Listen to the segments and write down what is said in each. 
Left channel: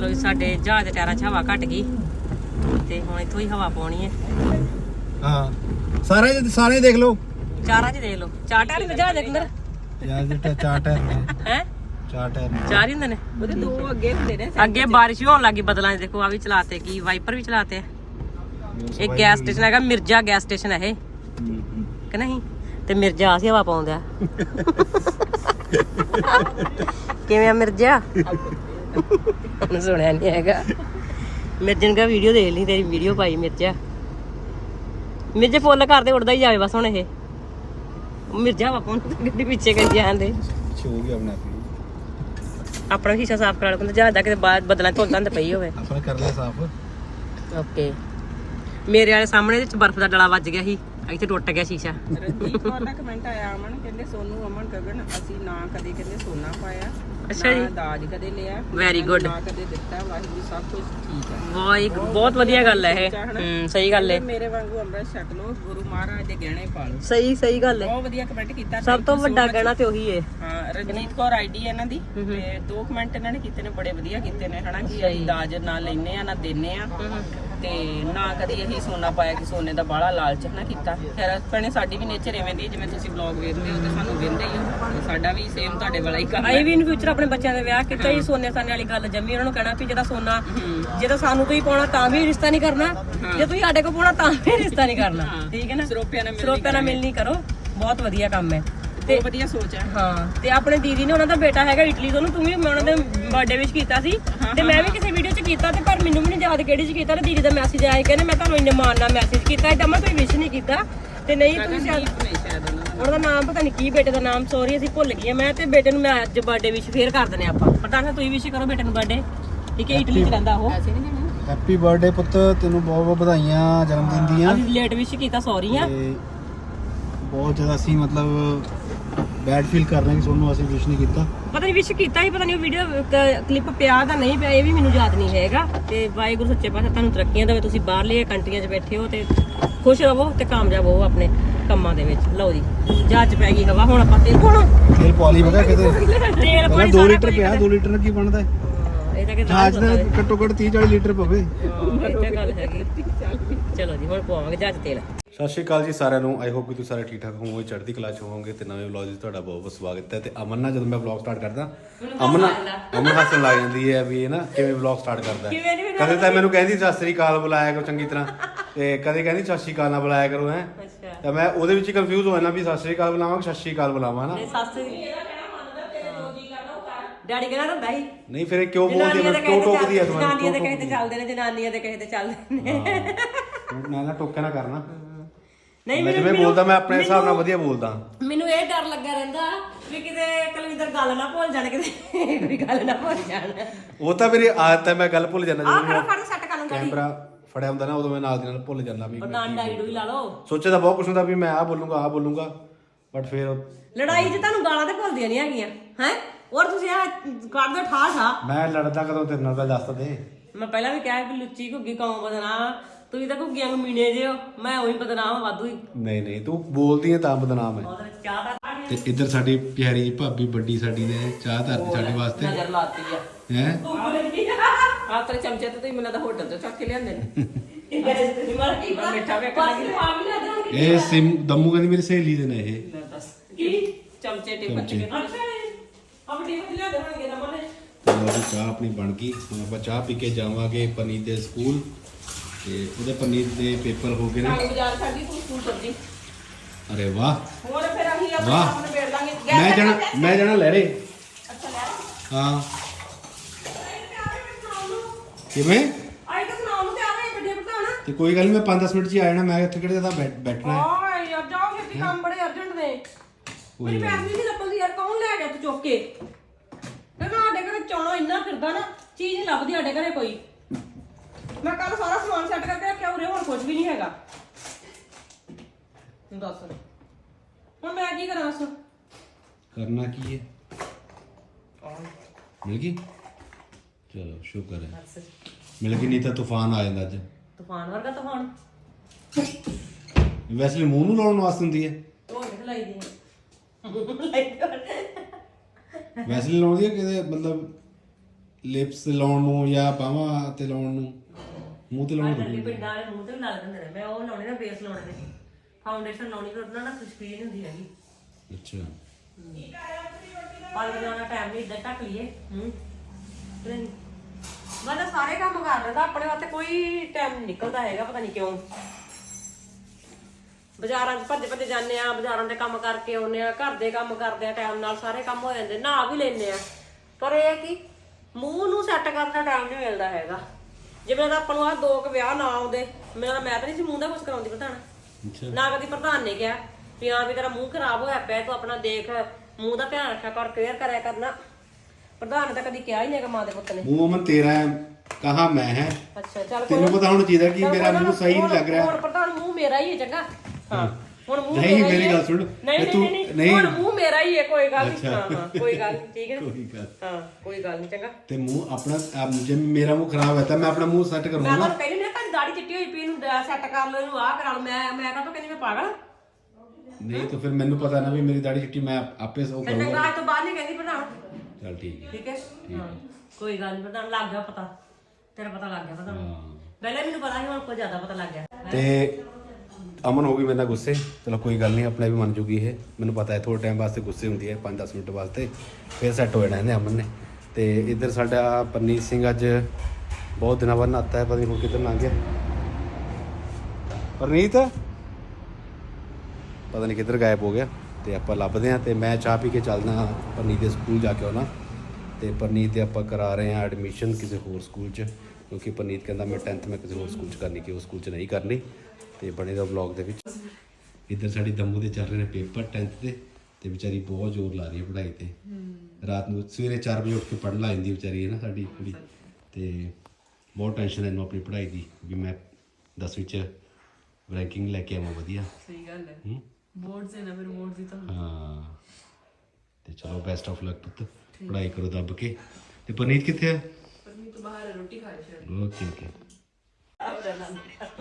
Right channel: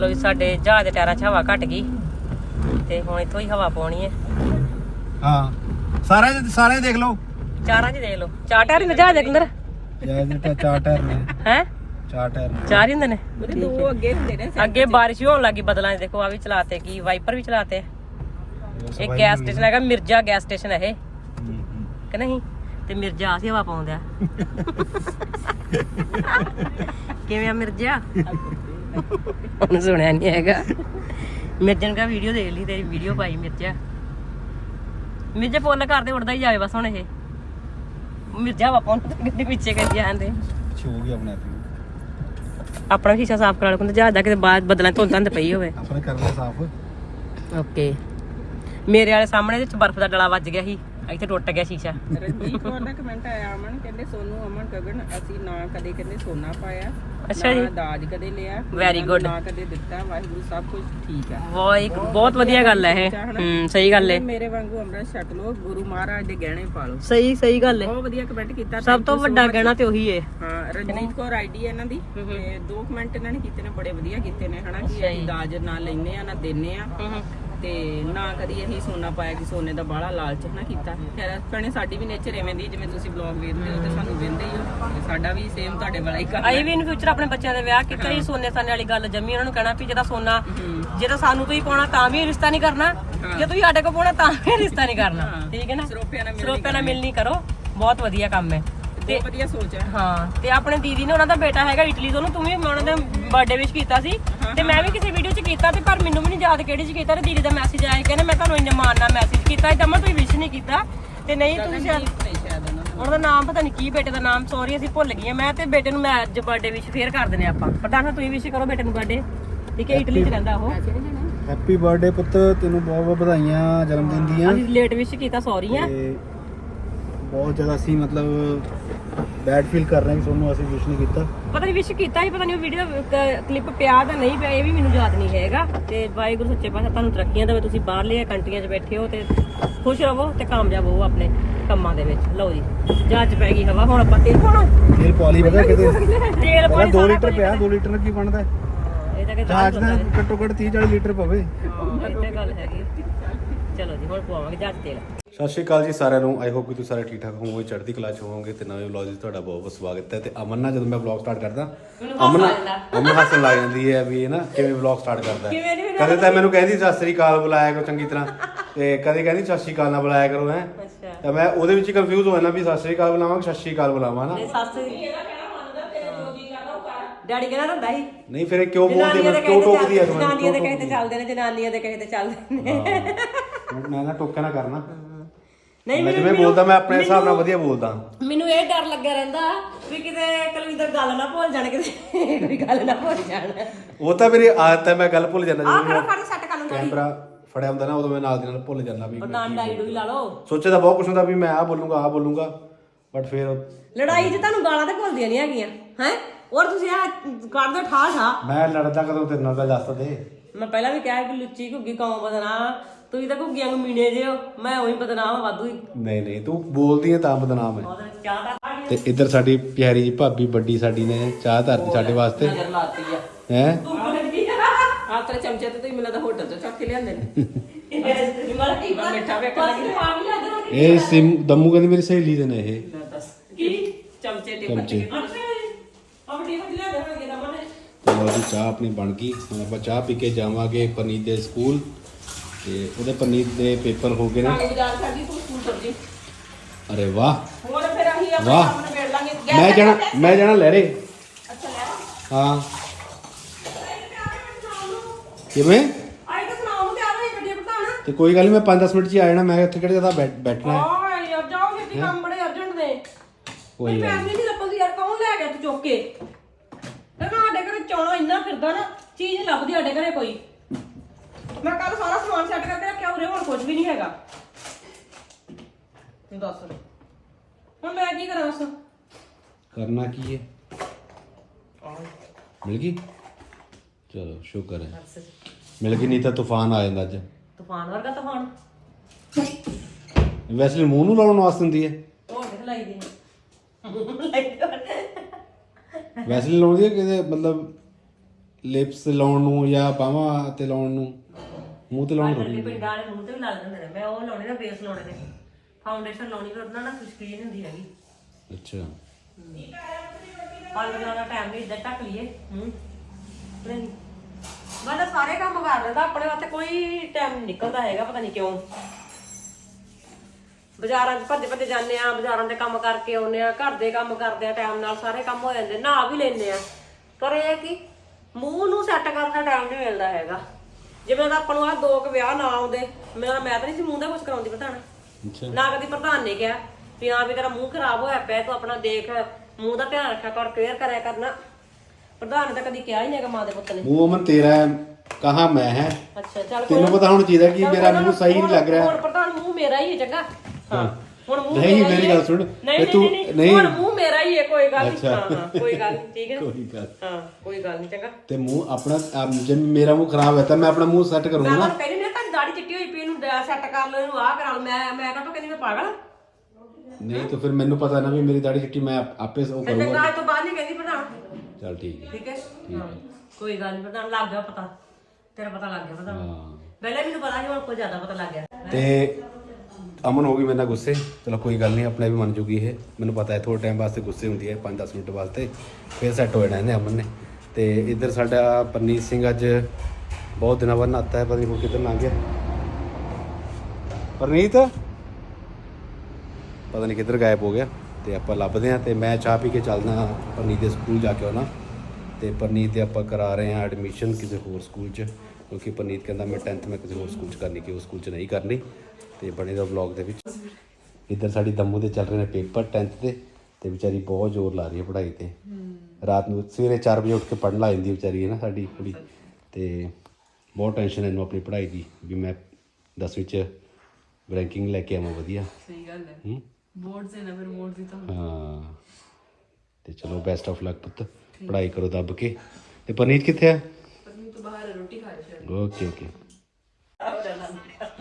ਲੋ ਜੀ ਸਾਡੇ ਜਹਾਜ਼ ਦੇ ਟਾਇਰਾਂ 'ਚ ਹਵਾ ਘਟ ਗਈ ਤੇ ਹੁਣ ਇੱਥੋਂ ਹੀ ਹਵਾ ਪਾਉਣੀ ਹੈ। ਹਾਂ। ਸਾਰੇ ਸਾਰੇ ਦੇਖ ਲਓ। ਚਾਰਾਂ 'ਚ ਦੇਖ ਲਓ। ਚਾਰ ਟਾਇਰ ਨੇ ਜਹਾਜ਼ ਦੇ ਅੰਦਰ। ਯਾਰ ਜਿਹੜਾ ਚਾਰ ਟਾਇਰ ਨੇ। ਹੈ? ਚਾਰ ਟਾਇਰ ਨੇ। ਚਾਰ ਹੀ ਹੁੰਦੇ ਨੇ। ਉਹਦੇ ਦੋ ਅੱਗੇ ਹੁੰਦੇ ਨੇ ਅੱਗੇ ਬਾਰਿਸ਼ ਹੋਣ ਲੱਗੀ ਬਦਲਾਂ 'ਚ। ਦੇਖੋ ਆ ਵੀ ਚਲਾਤੇ ਕੀ ਵਾਈਪਰ ਵੀ ਚਲਾਤੇ ਇਹ ਗੈਸ ਸਟੇਸ਼ਨ ਹੈਗਾ ਮਿਰਜ਼ਾ ਗੈਸ ਸਟੇਸ਼ਨ ਹੈ ਇਹ। ਕਿ ਨਹੀਂ? ਤੇ ਮਿਰਜ਼ਾ ਆਸੀ ਹਵਾ ਪਾਉਂਦਾ। ਕਿਵੇਂ ਆ ਮਿਰਜ਼ਾ? ਉਹਨੇ ਸੁਣਿਆ ਨਹੀਂ ਹੈਗਾ। ਮਿਰਜਨ ਕਾ ਵੀਡੀਓ ਦੇਖ ਲਈ ਤੇਰੀ ਵੀਡੀਓ ਪਾਈ ਮਿਰਜ਼ਾ। ਮਿਰਜ਼ੇ ਫੁੱਲ ਕਰਦੇ ਉੜਦਾ ਹੀ ਜਾਵੇ ਬਸ ਹੁਣ ਇਹ। ਮਿਰਜ਼ਾ ਪਾਉਂਦਾ ਗੱਡੀ ਪਿੱਛੇ ਕਰੀ ਜਾਂਦੇ ਛੂ ਗਿਆ ਆਪਣੇ। ਸ਼ੀਸ਼ਾ ਸਾਫ਼ ਕਰਾ ਲਓ ਜਹਾਜ਼ ਦਾ ਕਿਤੇ ਬਾਅਦ ਬਦਲਾਂ ਧੁੰਦ ਧੰਦ ਪਈ ਹੋਵੇ। ਆਪਣੇ ਕਰ ਲੈ ਸਾਫ਼। ਓਕੇ। ਮੇਰੇ ਵਾਲੇ ਸਾਹਮਣੇ ਵਿੱਚ ਬਰਫ਼ ਦਾ ਡਲਾ ਵੱਜ ਗਿਆ ਸੀ ਇੱਥੇ ਟੁੱਟ ਗਿਆ ਸ਼ੀਸ਼ਾ। ਰਣਜੀਤ ਤੁਹਾਡਾ ਕਮੈਂਟ ਆਇਆ ਅਮਨ ਕਹਿੰਦੇ ਸੋਨੂ ਅਮਨ ਗਗਨ ਅਸੀਂ ਨਾ ਕਦੇ ਕਹਿੰਦੇ ਸੋਨਾ ਪਾਇਆ। ਅੱਛਾ ਜੀ। ਨਾ ਦਾਜ ਕਦੇ ਲਿਆ Very good. ਨਾ ਕਦੇ ਦਿੱਤਾ ਵਾਹਿਗੁਰੂ ਸਭ ਕੁਝ ਠੀਕ ਆ। ਬਹੁਤ ਬਹੁਤ ਵਧੀਆ ਗੱਲ ਹੈ ਇਹ। ਹੂੰ ਸਹੀ ਗੱਲ ਹੈ। ਮੇਰੇ ਵਾਂਗੂ ਅੰਮ੍ਰਿਤ ਛਕ ਲਓ ਗੁਰੂ ਮਹਾਰਾਜ ਦੇ ਗਹਿਣੇ ਪਾ ਲਓ। ਸਹੀ ਸਹੀ ਗੱਲ ਹੈ। ਬਹੁਤ ਵਧੀਆ ਕਮੈਂਟ ਕੀਤਾ ਸਭ thank ਤੋਂ you so ਵੱਡਾ much. ਕਹਿਣਾ ਤੇ ਉਹੀ ਹੈ। ਹਾਂ ਰਜਨੀਤ ਕੌਰ ਆਈਡੀ ਹੈ ਇਹਨਾਂ ਦੀ। ਤੇ ਦੋ ਕਮੈਂਟ ਇਹਨਾਂ ਨੇ ਕੀਤੇ ਨੇ ਬੜੇ ਵਧੀਆ ਕੀਤੇ ਨੇ ਹਨਾ? ਕਿ ਅਸੀਂ ਦਾਜ ਨਾ ਲੈਨੇ ਆ ਨਾ ਦੇਨੇ ਆ। ਤੇ ਨਾ ਕਦੀ ਅਸੀਂ ਸੋਨਾ ਪਾਇਆ ਕਿ ਸੋਨੇ ਦਾ ਬਾਹਲਾ ਲਾਲਚ ਨਾ ਕੀਤਾ। ਖੈਰ ਭੈਣੇ ਸਾਡੀ ਵੀ ਨੇਚਰ ਐਵੇਂ ਦੀ ਜਿਵੇਂ ਤੁਸੀਂ ਬਲੌਗ ਵੇਖਦੇ ਹੋ ਤੇ ਸਾਨੂੰ ਵੇਂਦੇ ਹੀ ਹੋ। ਸਾਡਾ ਵੀ ਸੇਮ ਤੁਹਾਡੇ ਵਾਲਾ ਹੀ ਕਰ ਅਸੀਂ ਵੀ ਇਨ ਫਿਊਚਰ ਆਪਣੇ ਬੱਚਿਆਂ ਦੇ ਵਿਆਹ ਕੀਤੇ ਹੀ ਸੋਨੇ ਸਾਨੇ ਵਾਲੀ ਗੱਲ ਜੰਮੀ ਉਹਨਾਂ ਨੂੰ ਕਹਿਣਾ ਵੀ ਜਿਹਦਾ ਸੋਨਾ ਜੇ ਤਾਂ ਸਾਨੂੰ ਤੁਸੀਂ ਪਾਉਣਾ ਤਾਂ ਵੀ ਰਿਸ਼ਤਾ ਨਹੀਂ ਕਰਨਾ। ਜੇ ਤੁਸੀਂ ਸਾਡੇ ਕੋਲ ਪਾਉਣਾ ਤਾਂ ਵੀ ਰਿਸ਼ਤਾ ਨਹੀਂ ਕਰਨਾ। ਠੀਕ ਹੈ ਨਾ? ਸਰੋਪਿਆਂ ਨਾਲ ਮਿਲਣੀ ਕਰੋ ਬਹੁਤ ਵਧੀਆ ਕੰਮ ਹੈ। ਤੇ ਵਧੀਆ ਸੋਚ ਹੈ। ਹਾਂ ਤੇ ਆਪਣੇ ਦੀਦੀ ਨੇ ਉਹਨਾਂ ਦਾ ਬੇਟਾ ਹੈਗਾ ਇਟਲੀ ਤੋਂ ਉਹਨੂੰ ਤੂੰ ਵੀ ਮੈਂ ਉਹਨਾਂ ਦੇ ਬਰਥਡੇ ਵਿੱਚ ਕੀਤਾ ਸੀ। ਤੇ ਮੈਂ ਵੀ ਕਿਸੇ ਵੀਡੀਓ 'ਚ ਕੀਤਾ ਤੇ ਪਰ ਮੈਨੂੰ ਵੀ ਨਹੀਂ ਯਾਦ ਕਿਹੜੀ 'ਚ ਕੀਤਾ ਤੇ ਦੀਦੀ ਦਾ ਮੈਸੇਜ ਆਇਆ ਕਹਿੰਦੇ ਮੈਂ ਤੁਹਾਨੂੰ ਇੰਨੇ ਮਾਣ ਨਾਲ ਮੈਸੇਜ ਕੀਤਾ ਏਦਾਂ ਮੈਂ ਤੁਸੀਂ ਵਿਸ਼ ਨਹੀਂ ਕੀਤਾ। ਤੇ ਨਹੀਂ ਤੁਸੀਂ ਸ਼ਾਇਦ ਨਹੀਂ ਸ਼ਾਇਦ ਉਹਨਾਂ ਨੂੰ ਉਹਦਾ ਨਾਮ ਪਤਾ ਨਹੀਂ ਕੀ ਬੇਟੇ ਦਾ ਨਾਮ ਸੌਰੀ ਅਸੀਂ ਭੁੱਲ ਗਏ ਮੈਂ ਤੇ ਬੇਟੇ ਨੂੰ ਮੈਂ ਅੱਜ ਬਰਥਡੇ ਵਿੱਚ ਫੇਰ ਕਰ ਦਿੰਨੇ ਆਪਾਂ। ਪ੍ਰਧਾਨ ਸਾਹਿਬ ਤੁਸੀਂ ਵਿਸ਼ ਕਰੋ ਬੇਟੇ ਨੂੰ ਬਰਥਡੇ ਠੀਕ ਹੈ ਇਟਲੀ 'ਚ ਰਹਿੰਦਾ ਉਹ। ਐਸੇ ਨਹੀਂ ਜਾਣੇ ਹੈਪੀ ਬਰਥਡੇ ਪੁੱਤ ਤੈਨੂੰ ਬਹੁਤ ਬਹੁਤ ਵਧਾਈਆਂ ਜਨਮ ਦਿਨ ਦੀਆਂ ਅਸੀਂ ਲੇਟ ਵਿਸ਼ ਕੀਤਾ ਸੌਰੀ ਆ ਤੇ ਬਹੁਤ ਜ਼ਿਆਦਾ ਅਸੀਂ ਮਤਲਬ ਬੈਡ ਫੀਲ ਕਰ ਰਹੇ ਹਾਂ ਕਿ ਤੁਹਾਨੂੰ ਅਸੀਂ ਵਿਸ਼ ਨਹੀਂ ਕੀਤਾ। ਪਤਾ ਨਹੀਂ ਵਿਸ਼ ਕੀਤਾ ਸੀ ਪਤਾ ਨਹੀਂ ਉਹ ਵੀਡੀਓ ਕਲਿੱਪ ਪਿਆ ਜਾਂ ਨਹੀਂ ਪਿਆ ਇਹ ਵੀ ਮੈਨੂੰ ਯਾਦ ਨਹੀਂ ਹੈਗਾ। ਤੇ ਵਾਹਿਗੁਰੂ ਸੱਚੇ ਪਾਤਸ਼ਾਹ ਤੁਹਾਨੂੰ ਤਰੱਕੀਆਂ ਦੇਵੇ ਤੁਸੀਂ ਬਾਹਰਲੀਆਂ ਕੰਟਰੀਆਂ 'ਚ ਬੈਠੇ ਹੋ ਤੇ ਖੁਸ਼ ਰਹੋ ਤੇ ਕਾਮਯਾਬ ਹੋ ਆਪਣੇ ਕੰਮਾਂ ਦੇ ਵਿੱਚ। ਲਓ ਜੀ ਜਹਾਜ਼ ਪੈ ਗਈ ਹਵਾ ਹੁਣ ਆਪਾਂ ਤੇਲ ਪਾਉਣਾ। ਕੀ ਪਾਲੀ ਪਤਾ ਕਿਤੇ? ਤੇਲ ਪਾਣੀ 2 ਸਾਰਾ ਲੀਟਰ ਕੁਝ ਪਿਆ 2 ਲੀਟਰ ਕੀ ਬਣਦਾ? ਹਾਂ, ਇਹ ਤਾਂ ਕਿ ਜਹਾਜ਼ ਦਾ ਘੱਟੋ ਘੱਟ 30 40 ਲੀਟਰ ਪਵੇ। ਹਾਂ ਇਹ ਤਾਂ ਗੱਲ ਹੈਗੀ। ਚਲੋ ਜੀ ਹੁਣ ਪਵਾਵਾਂਗੇ ਜਹਾਜ਼ ਤੇਲ। ਸਤਿ ਸ਼੍ਰੀ ਅਕਾਲ ਜੀ ਸਾਰਿਆਂ ਨੂੰ। ਆਈ ਹੋਪ ਕਿ ਤੁਸੀਂ ਸਾਰੇ ਠੀਕ ਠਾਕ ਹੋਵੋਗੇ ਚੜ੍ਹਦੀ ਕਲਾ ਚ ਹੋਵੋਗੇ। ਤੇ ਨਵੇਂ ਵਲੌਗ 'ਚ ਤੁਹਾਡਾ ਬਹੁਤ ਬਹੁਤ ਸਵਾਗਤ ਹੈ। ਤੇ ਅਮਨ ਨਾਲ ਜਦੋਂ ਮੈਂ ਵਲੌਗ ਸਟਾਰਟ ਕਰਦਾ ਅਮਨ ਅਮਨ ਹੱਸਣ ਲੱਗ ਜਾਂਦੀ ਹੈ ਵੀ ਇਹ ਨਾ ਕਿਵੇਂ ਵਲੌਗ ਸਟਾਰਟ ਕਰਦਾ ਹੈ। ਕਦੇ ਤਾਂ ਮੈਨੂੰ ਕਹਿੰਦੀ ਸਤਿ ਸ੍ਰੀ ਅਕਾਲ ਬੁਲਾਇਆ ਕਰੋ ਚੰਗੀ ਤਰ੍ਹਾਂ। ਤੇ ਕਦੇ ਕਹਿੰਦੀ ਸਤਿ ਸ਼੍ਰੀ ਅਕਾਲ ਨਾ ਬੁਲਾਇਆ ਕਰੋ ਹੈ? ਤਾਂ ਮੈਂ ਉਹਦੇ ਵਿੱਚ ਹੀ ਕੰਫਿਊਜ਼ ਹੋ ਜਾਣਾ ਵੀ ਸਤਿ ਸ੍ਰੀ ਅਕਾਲ ਬੁਲਾਵਾਂ ਕਿ ਸਤਿ ਸ਼੍ਰੀ ਅਕਾਲ ਬੁਲਾਵਾਂ ਨਾ। ਸੱਸ ਡੈਡੀ ਕਹਿੰਦਾ ਹੁੰਦਾ ਸੀ ਨਹੀਂ ਫਿਰ ਇਹ ਕਿਉਂ ਬੋਲਦੀ ਜਨਾਨੀਆਂ ਮੈਂ ਦੇ ਕਿਉਂ ਟੋਕਦੀ ਹੈ ਤੇ ਜਨਾਨੀਆਂ ਦੇ ਤੇ ਚੱਲਦੇ ਨੇ? ਜਨਾਨੀਆਂ ਦੇ ਤੇ ਚੱਲਦੇ ਨੇ। ਮੈਂ ਨਾ ਟੋਕਿਆ ਨਾ ਕਰਨਾ। ਨਹੀਂ ਮੈਂ ਜਿਵੇਂ ਬੋਲਦਾ ਮੈਂ ਆਪਣੇ ਹਿਸਾਬ ਨਾਲ ਵਧੀਆ ਬੋਲਦਾ। ਮੈਨੂੰ ਇਹ ਡਰ ਲੱਗਿਆ ਰਹਿੰਦਾ ਵੀ ਕਿਤੇ ਕਲਵਿੰਦਰ ਗੱਲ ਨਾ ਭੁੱਲ ਜਾਣ ਕਿਤੇ ਕੋਈ ਗੱਲ ਨਾ ਭੁੱਲ ਜਾਣ। ਉਹ ਤਾਂ ਮੇਰੀ ਆਦਤ ਹੈ ਮੈਂ ਗੱਲ ਭੁੱਲ ਜਾਂਦਾ ਆਹ ਜਦੋਂ ਫੜ ਫੜ ਸੈੱਟ ਕਰ ਲੂੰਗਾ ਕੈਮਰਾ ਫੜਿਆ ਹੁੰਦਾ ਨਾ ਉਦੋਂ ਮੈਂ ਨਾਲ ਦੀ ਨਾਲ ਭੁੱਲ ਜਾਂਦਾ ਵੀ ਡਾਂਡਾ ਈਡੂ ਲਾ ਲਓ। ਸੋਚੇ ਤਾਂ ਬਹੁਤ ਕੁਛ ਹੁੰਦਾ ਵੀ ਮੈਂ ਆਹ ਬੋਲੂੰਗਾ ਆਹ ਬੋਲੂੰਗਾ ਬਟ ਫਿਰ ਲੜਾਈ 'ਚ ਤੁਹਾਨੂੰ ਗਾਲਾਂ ਤੇ ਭੁੱਲਦੀਆਂ ਨਹੀਂ ਹੈਗੀਆਂ ਹੈ? ਔਰ ਤੁਸੀਂ ਆ ਕਰਦੇ ਠਾ ਠਾ ਮੈਂ ਲੜਦਾ ਕਦੋਂ ਤੇਰੇ ਨਾਲ ਦੱਸ ਦੇ। ਮੈਂ ਪਹਿਲਾਂ ਵੀ ਕਿਹਾ ਕਿ ਲੁੱਚੀ ਘੁੱਗੀ ਕੌਮ ਬਦਨਾਮ ਤੁਸੀਂ ਤਾਂ ਘੁੱਗੀਆਂ ਨੂੰ ਮੀਨੇ ਜੇ ਹੋ ਮੈਂ ਉਹੀ ਬਦਨਾਮ ਆ ਵਾਧੂ ਹੀ। ਨਹੀਂ ਨਹੀਂ ਤੂੰ ਬੋਲਦੀ ਹੈ ਤਾਂ ਬਦਨਾਮ ਹੈ ਉਹਦੇ ਵਿੱਚ ਚਾਹ ਦਾ ਤੇ ਇੱਧਰ ਸਾਡੀ ਪਿਆਰੀ ਜੀ ਭਾਬੀ ਵੱਡੀ ਸਾਡੀ ਨੇ ਚਾਹ ਧਰਤੀ ਸਾਡੇ ਵਾਸਤੇ। ਨਜ਼ਰ ਲਾਤੀ ਆ। ਹੈ? ਆਹ ਤੇਰੇ ਚਮਚੇ ਤੇ ਤੁਸੀਂ ਮੈਨੂੰ ਤਾਂ ਹੋਟਲ ਤੋਂ ਚੱਕ ਕੇ ਲਿਆਂਦੇ ਨੇ। ਮੈਂ ਮਿੱਠਾ ਵੇਖਣ ਲੱਗੀ ਇਹ ਸਿਮ ਦਮੂ ਕਹਿੰਦੀ ਮੇਰੀ ਸਹੇਲੀ ਦੇ ਨੇ ਇਹ। ਨਾ ਦੱਸ। ਚਮਚੇ ਟਿਪ ਚਮਚੇ। ਤੇ ਲਓ ਜੀ ਚਾਹ ਆਪਣੀ ਬਣ ਗਈ। ਹੁਣ ਆਪਾਂ ਚਾਹ ਪੀ ਕੇ ਜਾਵਾਂਗੇ ਪਨੀਤ ਦੇ ਸਕੂਲ। ਤੇ ਉਹਦੇ ਪਨੀਤ ਦੇ ਪੇਪਰ ਹੋ ਗਏ ਨੇ। ਬਾਜ਼ਾਰ ਸਕੂਲ ਅਰੇ ਵਾਹ। ਹੋਰ ਫਿਰ ਅਸੀਂ ਆਪਣੇ ਵਾਹ। ਕੰਮ ਨਿਬੇੜ ਲਾਂਗੇ। ਮੈਂ ਜਾਣਾ ਮੈਂ ਜਾਣਾ ਲਹਿਰੇ ਅੱਛਾ ਲੈ ਹਾਂ। ਕਿਵੇਂ? ਆਈ ਤਾਂ ਸੁਣਾਉ ਨੂੰ ਤੇ ਆ ਰਹੀ ਵੱਡੇ ਬਤਾਣਾ ਤੇ ਕੋਈ ਗੱਲ ਨੀ ਮੈਂ 5-10 ਮਿੰਟ ਚ ਹੀ ਆ ਜਾਣਾ। ਮੈਂ ਇੱਥੇ ਕਿਹੜੇ ਜ਼ਿਆਦਾ ਬੈਠਣਾ ਹੈ? ਆ ਯਾਰ ਜਾਓ ਛੇਤੀ ਕੰਮ ਬੜੇ ਅਰਜੈਂਟ ਦੇ ਕੋਈ ਗੱਲ ਫੈਮਿਲੀ ਨਹੀਂ ਲੱਭਦੀ ਯਾਰ ਕੌਣ ਲੈ ਗਿਆ ਤੂੰ ਚੁੱਕ ਕੇ? ਤੇ ਨਾ ਸਾਡੇ ਘਰੇ ਚੌਣਾ ਇੰਨਾ ਫਿਰਦਾ ਨਾ ਚੀਜ਼ ਲੱਭਦੀ ਸਾਡੇ ਘਰੇ ਕੋਈ। ਮੈਂ ਕੱਲ ਸਾਰਾ ਸਮਾਨ ਸੈੱਟ ਕਰਕੇ ਰੱਖਿਆ ਉਰੇ ਹੁਣ ਕੁਝ ਵੀ ਨਹੀਂ ਹੈਗਾ। ਤੂੰ ਦੱਸ। ਹੁਣ ਮੈਂ ਕੀ ਕਰਾਂ ਦੱਸ? ਕਰਨਾ ਕੀ ਹੈ? ਮਿਲ ਗਈ? ਚਲੋ ਸ਼ੁਕਰ ਹੈ। ਮਿਲ ਗਈ ਨਹੀਂ ਤਾਂ ਤੂਫਾਨ ਆ ਜਾਂਦਾ ਅੱਜ। ਤੂਫਾਨ ਵਰਗਾ ਤੂਫਾਨ। ਵੈਸੇ ਮੂੰਹ ਨੂੰ ਲਾਉਣ ਵਾਸਤੇ ਹੁੰਦੀ ਹੈ। ਉਹ ਦੇਖ ਲਾਈ ਦੀ ਲਾਈ ਦੀ। ਵੈਸੇ ਲਾਉਂਦੀ ਹੈ ਕਿਤੇ ਮਤਲਬ ਲਿਪਸ ਲਾਉਣ ਨੂੰ ਜਾਂ ਬਾਹਾਂ ਤੇ ਲਾਉਣ ਨੂੰ? ਮੂੰਹ ਤੇ ਲਾਉਣ ਨੂੰ ਪਿੰਡਾਂ ਵਾਲੇ ਮੂੰਹ ਤੇ ਵੀ ਲਾ ਲੈਂਦੇ ਨੇ ਮੈਂ ਉਹ ਲਾਉਣੇ ਨਾ ਬੇਸ ਲਾਉਣੇ ਨੇ ਫਾਊਂਡੇਸ਼ਨ ਲਾਉਣੀ ਫਿਰ ਉਹਨਾਂ ਨਾਲ ਖੁਸ਼ਕੀ ਨਹੀਂ ਹੁੰਦੀ ਹੈਗੀ। ਅੱਛਾ। ਦਿਨਾਂ ਦਾ ਟਾਈਮ ਨਹੀਂ ਇੱਦਾਂ ਢੱਕ ਲਈਏ। ਹੂੰ ਬੰਦਾ ਸਾਰੇ ਕੰਮ ਕਰ ਲੈਂਦਾ ਆਪਣੇ ਵਾਸਤੇ ਕੋਈ ਟਾਈਮ ਨਿਕਲਦਾ ਹੈਗਾ ਪਤਾ ਨਹੀਂ ਕਿਉਂ। ਬਾਜ਼ਾਰਾਂ 'ਚ ਭੱਜੇ ਭੱਜੇ ਜਾਂਦੇ ਆ ਬਾਜ਼ਾਰਾਂ ਦੇ ਕੰਮ ਕਰਕੇ ਆਉਂਦੇ ਆ ਘਰ ਦੇ ਕੰਮ ਕਰਦੇ ਆ ਟਾਈਮ ਨਾਲ ਸਾਰੇ ਕੰਮ ਹੋ ਜਾਂਦੇ ਨਹਾ ਵੀ ਲੈਂਦੇ ਆ। ਪਰ ਇਹ ਹੈ ਕਿ ਮੂੰਹ ਨੂੰ ਸੈੱਟ ਕਰਨ ਦਾ ਟਾਈਮ ਨਹੀਂ ਮਿਲਦਾ ਹੈਗਾ। ਜਿਵੇਂ ਤਾਂ ਆਪਾਂ ਨੂੰ ਆ ਦੋ ਕੁ ਵਿਆਹ ਨਾ ਆਉਂਦੇ ਮੇਰਾ ਮੈਂ ਤਾਂ ਨਹੀਂ ਸੀ ਮੂੰਹ ਦਾ ਕੁਝ ਕਰਾਉਂਦੀ ਪ੍ਰਧਾਨ। ਅੱਛਾ। ਨਾ ਕਦੀ ਪ੍ਰਧਾਨ ਨੇ ਕਿਹਾ ਵੀ ਹਾਂ ਵੀ ਤੇਰਾ ਮੂੰਹ ਖਰਾਬ ਹੋਇਆ ਪਿਆ ਤੂੰ ਆਪਣਾ ਦੇਖ ਮੂੰਹ ਦਾ ਧਿਆਨ ਰੱਖਿਆ ਕਰ ਕੇਅਰ ਕਰਿਆ ਕਰਨਾ। ਪ੍ਰਧਾਨ ਨੇ ਤਾਂ ਕਦੀ ਕਿਹਾ ਹੀ ਨਹੀਂ ਹੈਗਾ ਮਾਂ ਦੇ ਪੁੱਤ ਨੇ। ਮੂੰਹ ਅਮਨ ਤੇਰਾ ਹੈ ਕਹਾ ਮੈਂ ਹੈ। ਅੱਛਾ ਚੱਲ ਤੈਨੂੰ ਪਤਾ ਹੋਣਾ ਚਾਹੀਦਾ ਕਿ ਮੇਰਾ ਮੂੰਹ ਸਹੀ ਨਹੀਂ ਲੱਗ ਰਿਹਾ। ਹੁਣ ਪ੍ਰਧਾਨ ਮੂੰਹ ਮੇਰਾ ਹੀ ਹੈ ਚੰਗਾ। ਹਾਂ। ਹੁਣ ਮੂੰਹ ਨਹੀਂ, ਮੇਰਾ ਹੀ ਮੇਰੀ ਹੈ। ਗੱਲ ਸੁਣ, ਨਹੀਂ ਤੇ ਨਹੀਂ ਤੂੰ- ਨਹੀਂ ਨਹੀਂ। ਹੁਣ ਮੂੰਹ ਮੇਰਾ ਹੀ ਹੈ ਕੋਈ ਗੱਲ ਨਹੀਂ। ਹਾਂ ਹਾਂ ਕੋਈ ਗੱਲ ਨਹੀਂ ਠੀਕ ਹੈ? ਕੋਈ ਗੱਲ ਹਾਂ ਕੋਈ ਗੱਲ ਨਹੀਂ ਚੰਗਾ। ਤੇ ਮੂੰਹ ਆਪਣਾ ਆਪ- ਜੇ ਮੇਰਾ ਮੂੰਹ ਖਰਾਬ ਹੈ ਤਾਂ ਮੈਂ ਆਪਣਾ ਮੂੰਹ ਸੈੱਟ ਮੈਂ ਕਰੂੰਗਾ। ਤੁਹਾਨੂੰ ਕਹਿੰਦੀ ਮੈਂ ਤਾਂ ਦਾੜੀ ਚਿੱਟੀ ਹੋਈ ਪਈ ਨੂੰ ਸੈੱਟ ਕਰ ਲਓ ਇਹਨੂੰ ਆਹ ਕਰਾ ਲਓ। ਮੈਂ ਮੈਂ ਕਹਾਂ ਕਹਿੰਦੀ ਮੈਂ ਪਾਗਲ ਹਾਂ? ਨਹੀਂ ਤਾਂ ਫਿਰ ਮੈਨੂੰ ਪਤਾ ਨਾ ਵੀ ਮੇਰੀ ਦਾੜੀ ਚਿੱਟੀ ਮੈਂ ਆਪ- ਆਪੇ ਉਹ ਫਿਰ ਕਰੂੰਗਾ। ਚੰਗਾ ਅੱਜ ਤੋਂ ਬਾਅਦ ਨਹੀਂ ਕਹਿੰਦੀ ਪ੍ਰਧਾਨ ਚਲ ਠੀਕ ਹੈ। ਠੀਕ ਹੈ? ਹਾਂ ਕੋਈ ਗੱਲ ਨਹੀਂ ਪ੍ਰਧਾਨ ਲੱਗ ਗਿਆ ਪਤਾ। ਤੇਰਾ ਪਤਾ ਲੱਗ ਗਿਆ ਪ੍ਰਧਾਨ ਹਾਂ। ਪਹਿਲੇ ਮੈਨੂੰ ਪਤਾ ਸੀ ਹੁਣ ਕੋਈ ਜ਼ਿਆਦਾ ਪਤਾ ਲੱਗ ਗਿਆ। ਤੇ ਅਮਨ ਹੋ ਗਈ ਮੇਰੇ ਨਾਲ ਗੁੱਸੇ। ਚਲੋ ਕੋਈ ਗੱਲ ਨਹੀਂ, ਆਪਣੇ ਵੀ ਮੰਨ ਚੁੱਕੀ ਇਹ। ਮੈਨੂੰ ਪਤਾ ਹੈ ਥੋੜੇ ਟਾਈਮ ਵਾਸਤੇ ਗੁੱਸੇ ਹੁੰਦੀ ਹੈ 5-10 ਮਿੰਟ ਵਾਸਤੇ। ਫਿਰ ਸੈੱਟ ਹੋ ਜਾਣਾ ਇਹਨੇ, ਅਮਨ ਨੇ। ਤੇ ਇੱਧਰ ਸਾਡਾ ਪਰਨੀਤ ਸਿੰਘ ਅੱਜ ਬਹੁਤ ਦਿਨਾਂ ਬਾਅਦ ਨਹਾਤਾ ਹੈ, ਪਤਾ ਨਹੀਂ ਹੁਣ ਕਿੱਧਰ ਲੰਘ ਗਿਆ। ਪਰਨੀਤ? ਪਤਾ ਨਹੀਂ ਕਿੱਧਰ ਗਾਇਬ ਹੋ ਗਿਆ। ਤੇ ਆਪਾਂ ਲੱਭਦੇ ਹਾਂ ਤੇ ਮੈਂ ਚਾਹ ਪੀ ਕੇ ਚੱਲਦਾ ਪਰਨੀਤ ਦੇ ਸਕੂਲ ਜਾ ਕੇ ਆਉਣਾ। ਤੇ ਪਰਨੀਤ ਦੇ ਆਪਾਂ ਕਰਾ ਰਹੇ ਹਾਂ ਐਡਮਿਸ਼ਨ ਕਿਸੇ ਹੋਰ ਸਕੂਲ 'ਚ। ਕਿਉਂਕਿ ਪਰਨੀਤ ਕਹਿੰਦਾ ਮੈਂ 10th ਮੈਂ ਕਿਸੇ ਹੋਰ ਸਕੂਲ 'ਚ ਕਰਨੀ ਕਿ ਉਸ ਸਕੂਲ 'ਚ ਨਹੀਂ ਕਰਨੀ। ਤੇ ਬਣੇਗਾ ਵਲੌਗ ਦੇ ਵਿੱਚ। ਇੱਧਰ ਸਾਡੀ ਦਮੂ ਦੇ ਚੱਲ ਰਹੇ ਨੇ ਪੇਪਰ 10th ਦੇ ਤੇ ਵਿਚਾਰੀ ਬਹੁਤ ਜ਼ੋਰ ਲਾ ਰਹੀ ਹੈ ਪੜ੍ਹਾਈ ਤੇ। ਰਾਤ ਨੂੰ ਸਵੇਰੇ 4 ਵਜੇ ਉੱਠ ਕੇ ਪੜ੍ਹਨ ਲੱਗ ਜਾਂਦੀ ਵਿਚਾਰੀ ਹੈ ਨਾ ਸਾਡੀ ਕੁੜੀ। ਤੇ ਬਹੁਤ ਟੈਨਸ਼ਨ ਹੈ ਇਹਨੂੰ ਆਪਣੀ ਪੜ੍ਹਾਈ ਦੀ ਵੀ ਮੈਂ 10 ਵਿੱਚ ਰੈਂਕਿੰਗ ਲੈ ਕੇ ਆਵਾਂ ਵਧੀਆ। ਸਹੀ ਗੱਲ ਹੈ। ਹੂੰ। ਬੋਰਡ ਸੇ ਨਾ ਫਿਰ ਬੋਰਡ ਦੀ ਤਾਂ ਹਾਂ। ਤੇ ਚਲੋ ਬੈਸਟ ਆਫ ਲੱਕ ਪੁੱਤ। ਪੜ੍ਹਾਈ ਕਰੋ ਦੱਬ ਕੇ। ਤੇ ਪਰਨੀਤ ਕਿੱਥੇ ਆ ਪਰਮੀ ਤੋਂ ਬਾਹਰ ਰੋਟੀ ਖਾ ਰਹੀ ਓਕੇ ਓਕੇ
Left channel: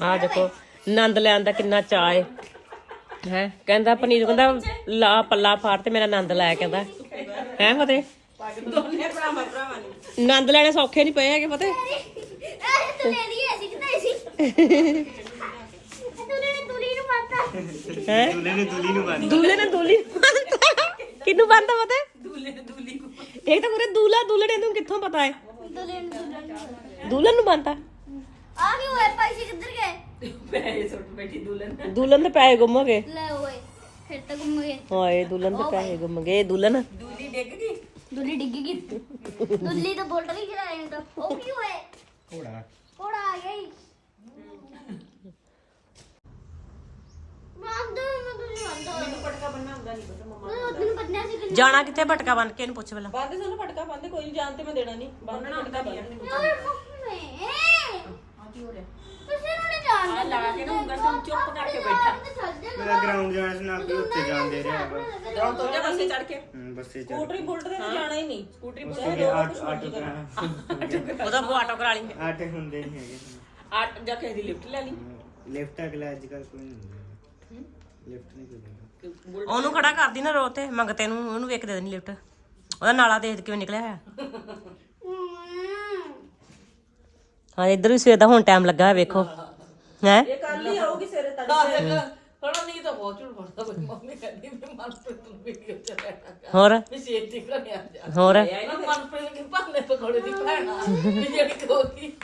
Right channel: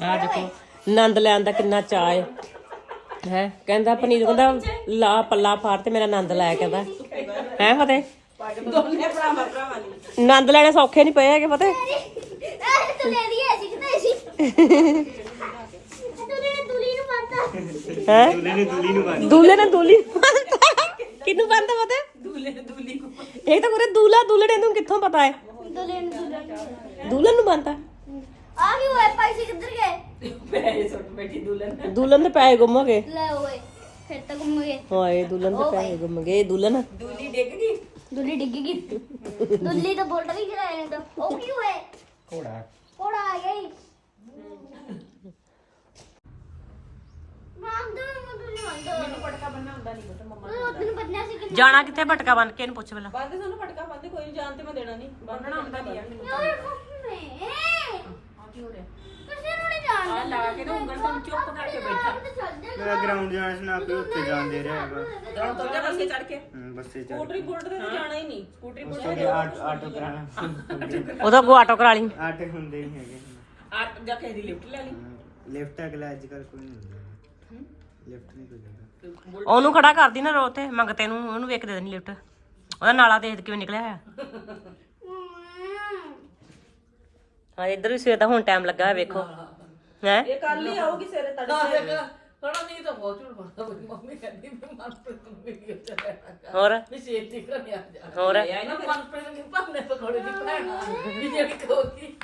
ਆ ਦੇਖੋ। ਆਨੰਦ ਲੈਣ ਦਾ ਕਿੰਨਾ ਚਾਅ ਹੈ ਹੈ? ਕਹਿੰਦਾ ਪਨੀਰ ਕਹਿੰਦਾ ਲਾ ਪੱਲਾ ਫਾੜ ਤੇ ਮੇਰਾ ਆਨੰਦ ਲੈ ਕਹਿੰਦਾ ਹੈ ਫਤੇ ਦੋਨੇ ਭਰਾਵਾਂ ਭਰਾਵਾਂ ਨੇ ਆਨੰਦ ਲੈਣੇ ਸੌਖੇ ਨਹੀਂ ਪਏ ਹੈਗੇ ਫਤੇ ਨੇ ਨੂੰ ਪਤਾ ਹੈ? ਦੂਲੇ ਨੇ ਦੂਲੀ ਨੂੰ ਬੰਨਦਾ ਦੂਲੇ ਨੇ ਦੂਲੀ ਕਿੰਨੂੰ ਬੰਨਦਾ ਫਤੇ ਦੂਲੇ ਦੂਲੀ ਕੋ ਇਹ ਤਾਂ ਪੂਰੇ ਦੂਲਾ ਦੂਲੜੇ ਨੂੰ ਕਿੱਥੋਂ ਪਤਾ ਹੈ ਦੂਲੇ ਨੂੰ ਦੂਲੇ ਦੂਲਨ ਨੂੰ ਬੰਨਦਾ ਆ ਕੀ ਹੋਇਆ? ਪੈਸੇ ਕਿੱਧਰ ਗਏ? ਪੈਸੇ ਸੁੱਟ ਬੈਠੀ ਦੁਲਨ। ਦੂਲਨ ਦੇ ਪੈਸੇ ਗੁੰਮ ਗਏ। ਲੈ ਓਏ ਫਿਰ ਤਾਂ ਗੁੰਮ ਗਏ। ਹਾਏ ਦੂਲਨ ਦੇ ਪੈਸੇ ਗੁੰਮ ਗਏ ਦੂਲਨ। ਦੂਲੀ ਡਿੱਗ ਗਈ? ਦੁੱਲੀ ਡਿੱਗ ਗਈ। ਦੁੱਲੀ ਤਾਂ ਬੋਲਟ ਵੀ ਚਲਾਇਆ ਤਾਂ। ਉਹ ਕੀ ਹੋਇਆ? ਘੋੜਾ। ਕੋੜਾ ਆ ਗਈ ਮੰਦੋ ਮੈਂ ਤੁਝੇ ਮੰਦੋ ਮੈਨੂੰ ਪਟਕਾ ਬੰਨਣਾ ਹੁੰਦਾ ਨਹੀਂ ਪਤਾ ਮਮਾ ਤੈਨੂੰ ਪਤਾ ਸੀ ਕਿ ਜਾਣਾ ਕਿੱਥੇ ਭਟਕਾ ਬੰਨ ਕੇ ਇਹਨੂੰ ਪੁੱਛ ਪਹਿਲਾਂ। ਬੰਦੇ ਸਾਨੂੰ ਫਟਕਾ ਬੰਦੇ ਕੋਈ ਜਾਣ ਤੇ ਮੈਂ ਦੇਣਾ ਨਹੀਂ ਬੰਨਣਾ ਹੁੰਦਾ ਨਹੀਂ ਯਾਰ ਮੈਨੂੰ ਯਾਰ ਕੀ ਹੋ ਰਿਹਾ ਤੁਸੀਂ ਨੂੰ ਨਹੀਂ ਜਾਣ ਆ ਲਾ ਕੇ ਨਾ ਉਂਗਲ ਤੋਂ ਚੁੱਪ ਕਰਕੇ ਬੈਠਾ। ਮੇਰਾ ਗਰਾਊਂਡ ਜਾਣ ਚ ਨਾ ਕੋਈ ਉੱਤੇ ਜਾਣ ਦੇ ਰਿਹਾ ਹੈਗਾ। ਗਰਾਊਂਡ ਤੋਂ ਜਾ ਬੱਸੇ ਚੜ ਕੇ? ਹਮ, ਬੱਸੇ ਚੜ ਸਕੂਟਰੀ ਬੁਲਟ ਤੇ ਤਾਂ ਜਾਣਾ ਹੀ ਨਹੀਂ। ਸਕੂਟਰੀ ਬੁਲਟ ਤੇ ਕੇ ਆਟੋ ਆਟੋ ਕਰਾਣਾ ਉਹਦਾ ਕੋ ਆਟੋ ਕਰਾ ਲਈ। ਆਟੇ ਹੁੰਦੇ ਨਹੀਂ ਹੈਗੇ। ਆ ਜਾ ਕੇ ਦੀ ਲਿਫਟ ਲੈ ਲਈ। ਲਿਫਟ ਅਗਲਾ ਅੱਜ ਕੱਲ ਕੋਈ ਨਹੀਂ ਹੁੰਦਾ ਲਿਫਟ ਨਹੀਂ ਕੋਈ ਦਿੰਦਾ। ਉਹਨੂੰ ਖੜਾ ਕਰਦੀ ਨਾ ਰੋ ਤੇ ਮੰਗਤੇ ਨੂੰ ਉਹਨੂੰ ਵੇਖ ਦੇ ਦੇਣੀ ਲਿਫਟ ਉਹਦਾ ਨਾਲਾ ਦੇਖ ਕਿਵੇਂ ਨਿਕਲਿਆ ਹੋਇਆ? ਹਾਂ ਇੱਧਰ ਵੀ ਸਵੇਰ ਦਾ ਹੁਣ ਟਾਈਮ ਲੱਗਾ ਹੈ ਵੇਖੋ ਹੈ ਇਹ ਕੱਲ ਹੀ ਆਊਗੀ ਸਵੇਰੇ ਤੜਕੇ ਥੋੜਾ ਨਹੀਂ ਤਾਂ ਬਹੁਤ ਝੂਠ ਬੋਲਦਾ ਬਈ ਮੰਮੀ ਕਹਿੰਦੀ ਮੈਂ ਮਨਪ੍ਰੀਤ ਨੂੰ ਵੀਡੀਓ ਚ ਲੈਣਾ ਹੋਰ ਵੀ ਸ਼ੇਰ ਦੀ ਘਰੇ ਆ ਜਾ ਹੋਰ ਮੈਂ ਮਨਪ੍ਰੀਤ ਨੂੰ ਭਾਂਡੇ ਪਕੌੜੇ ਦੀ ਭੈਣ ਆ ਵੀ ਜਿਹੜੀ ਕੋਤੀ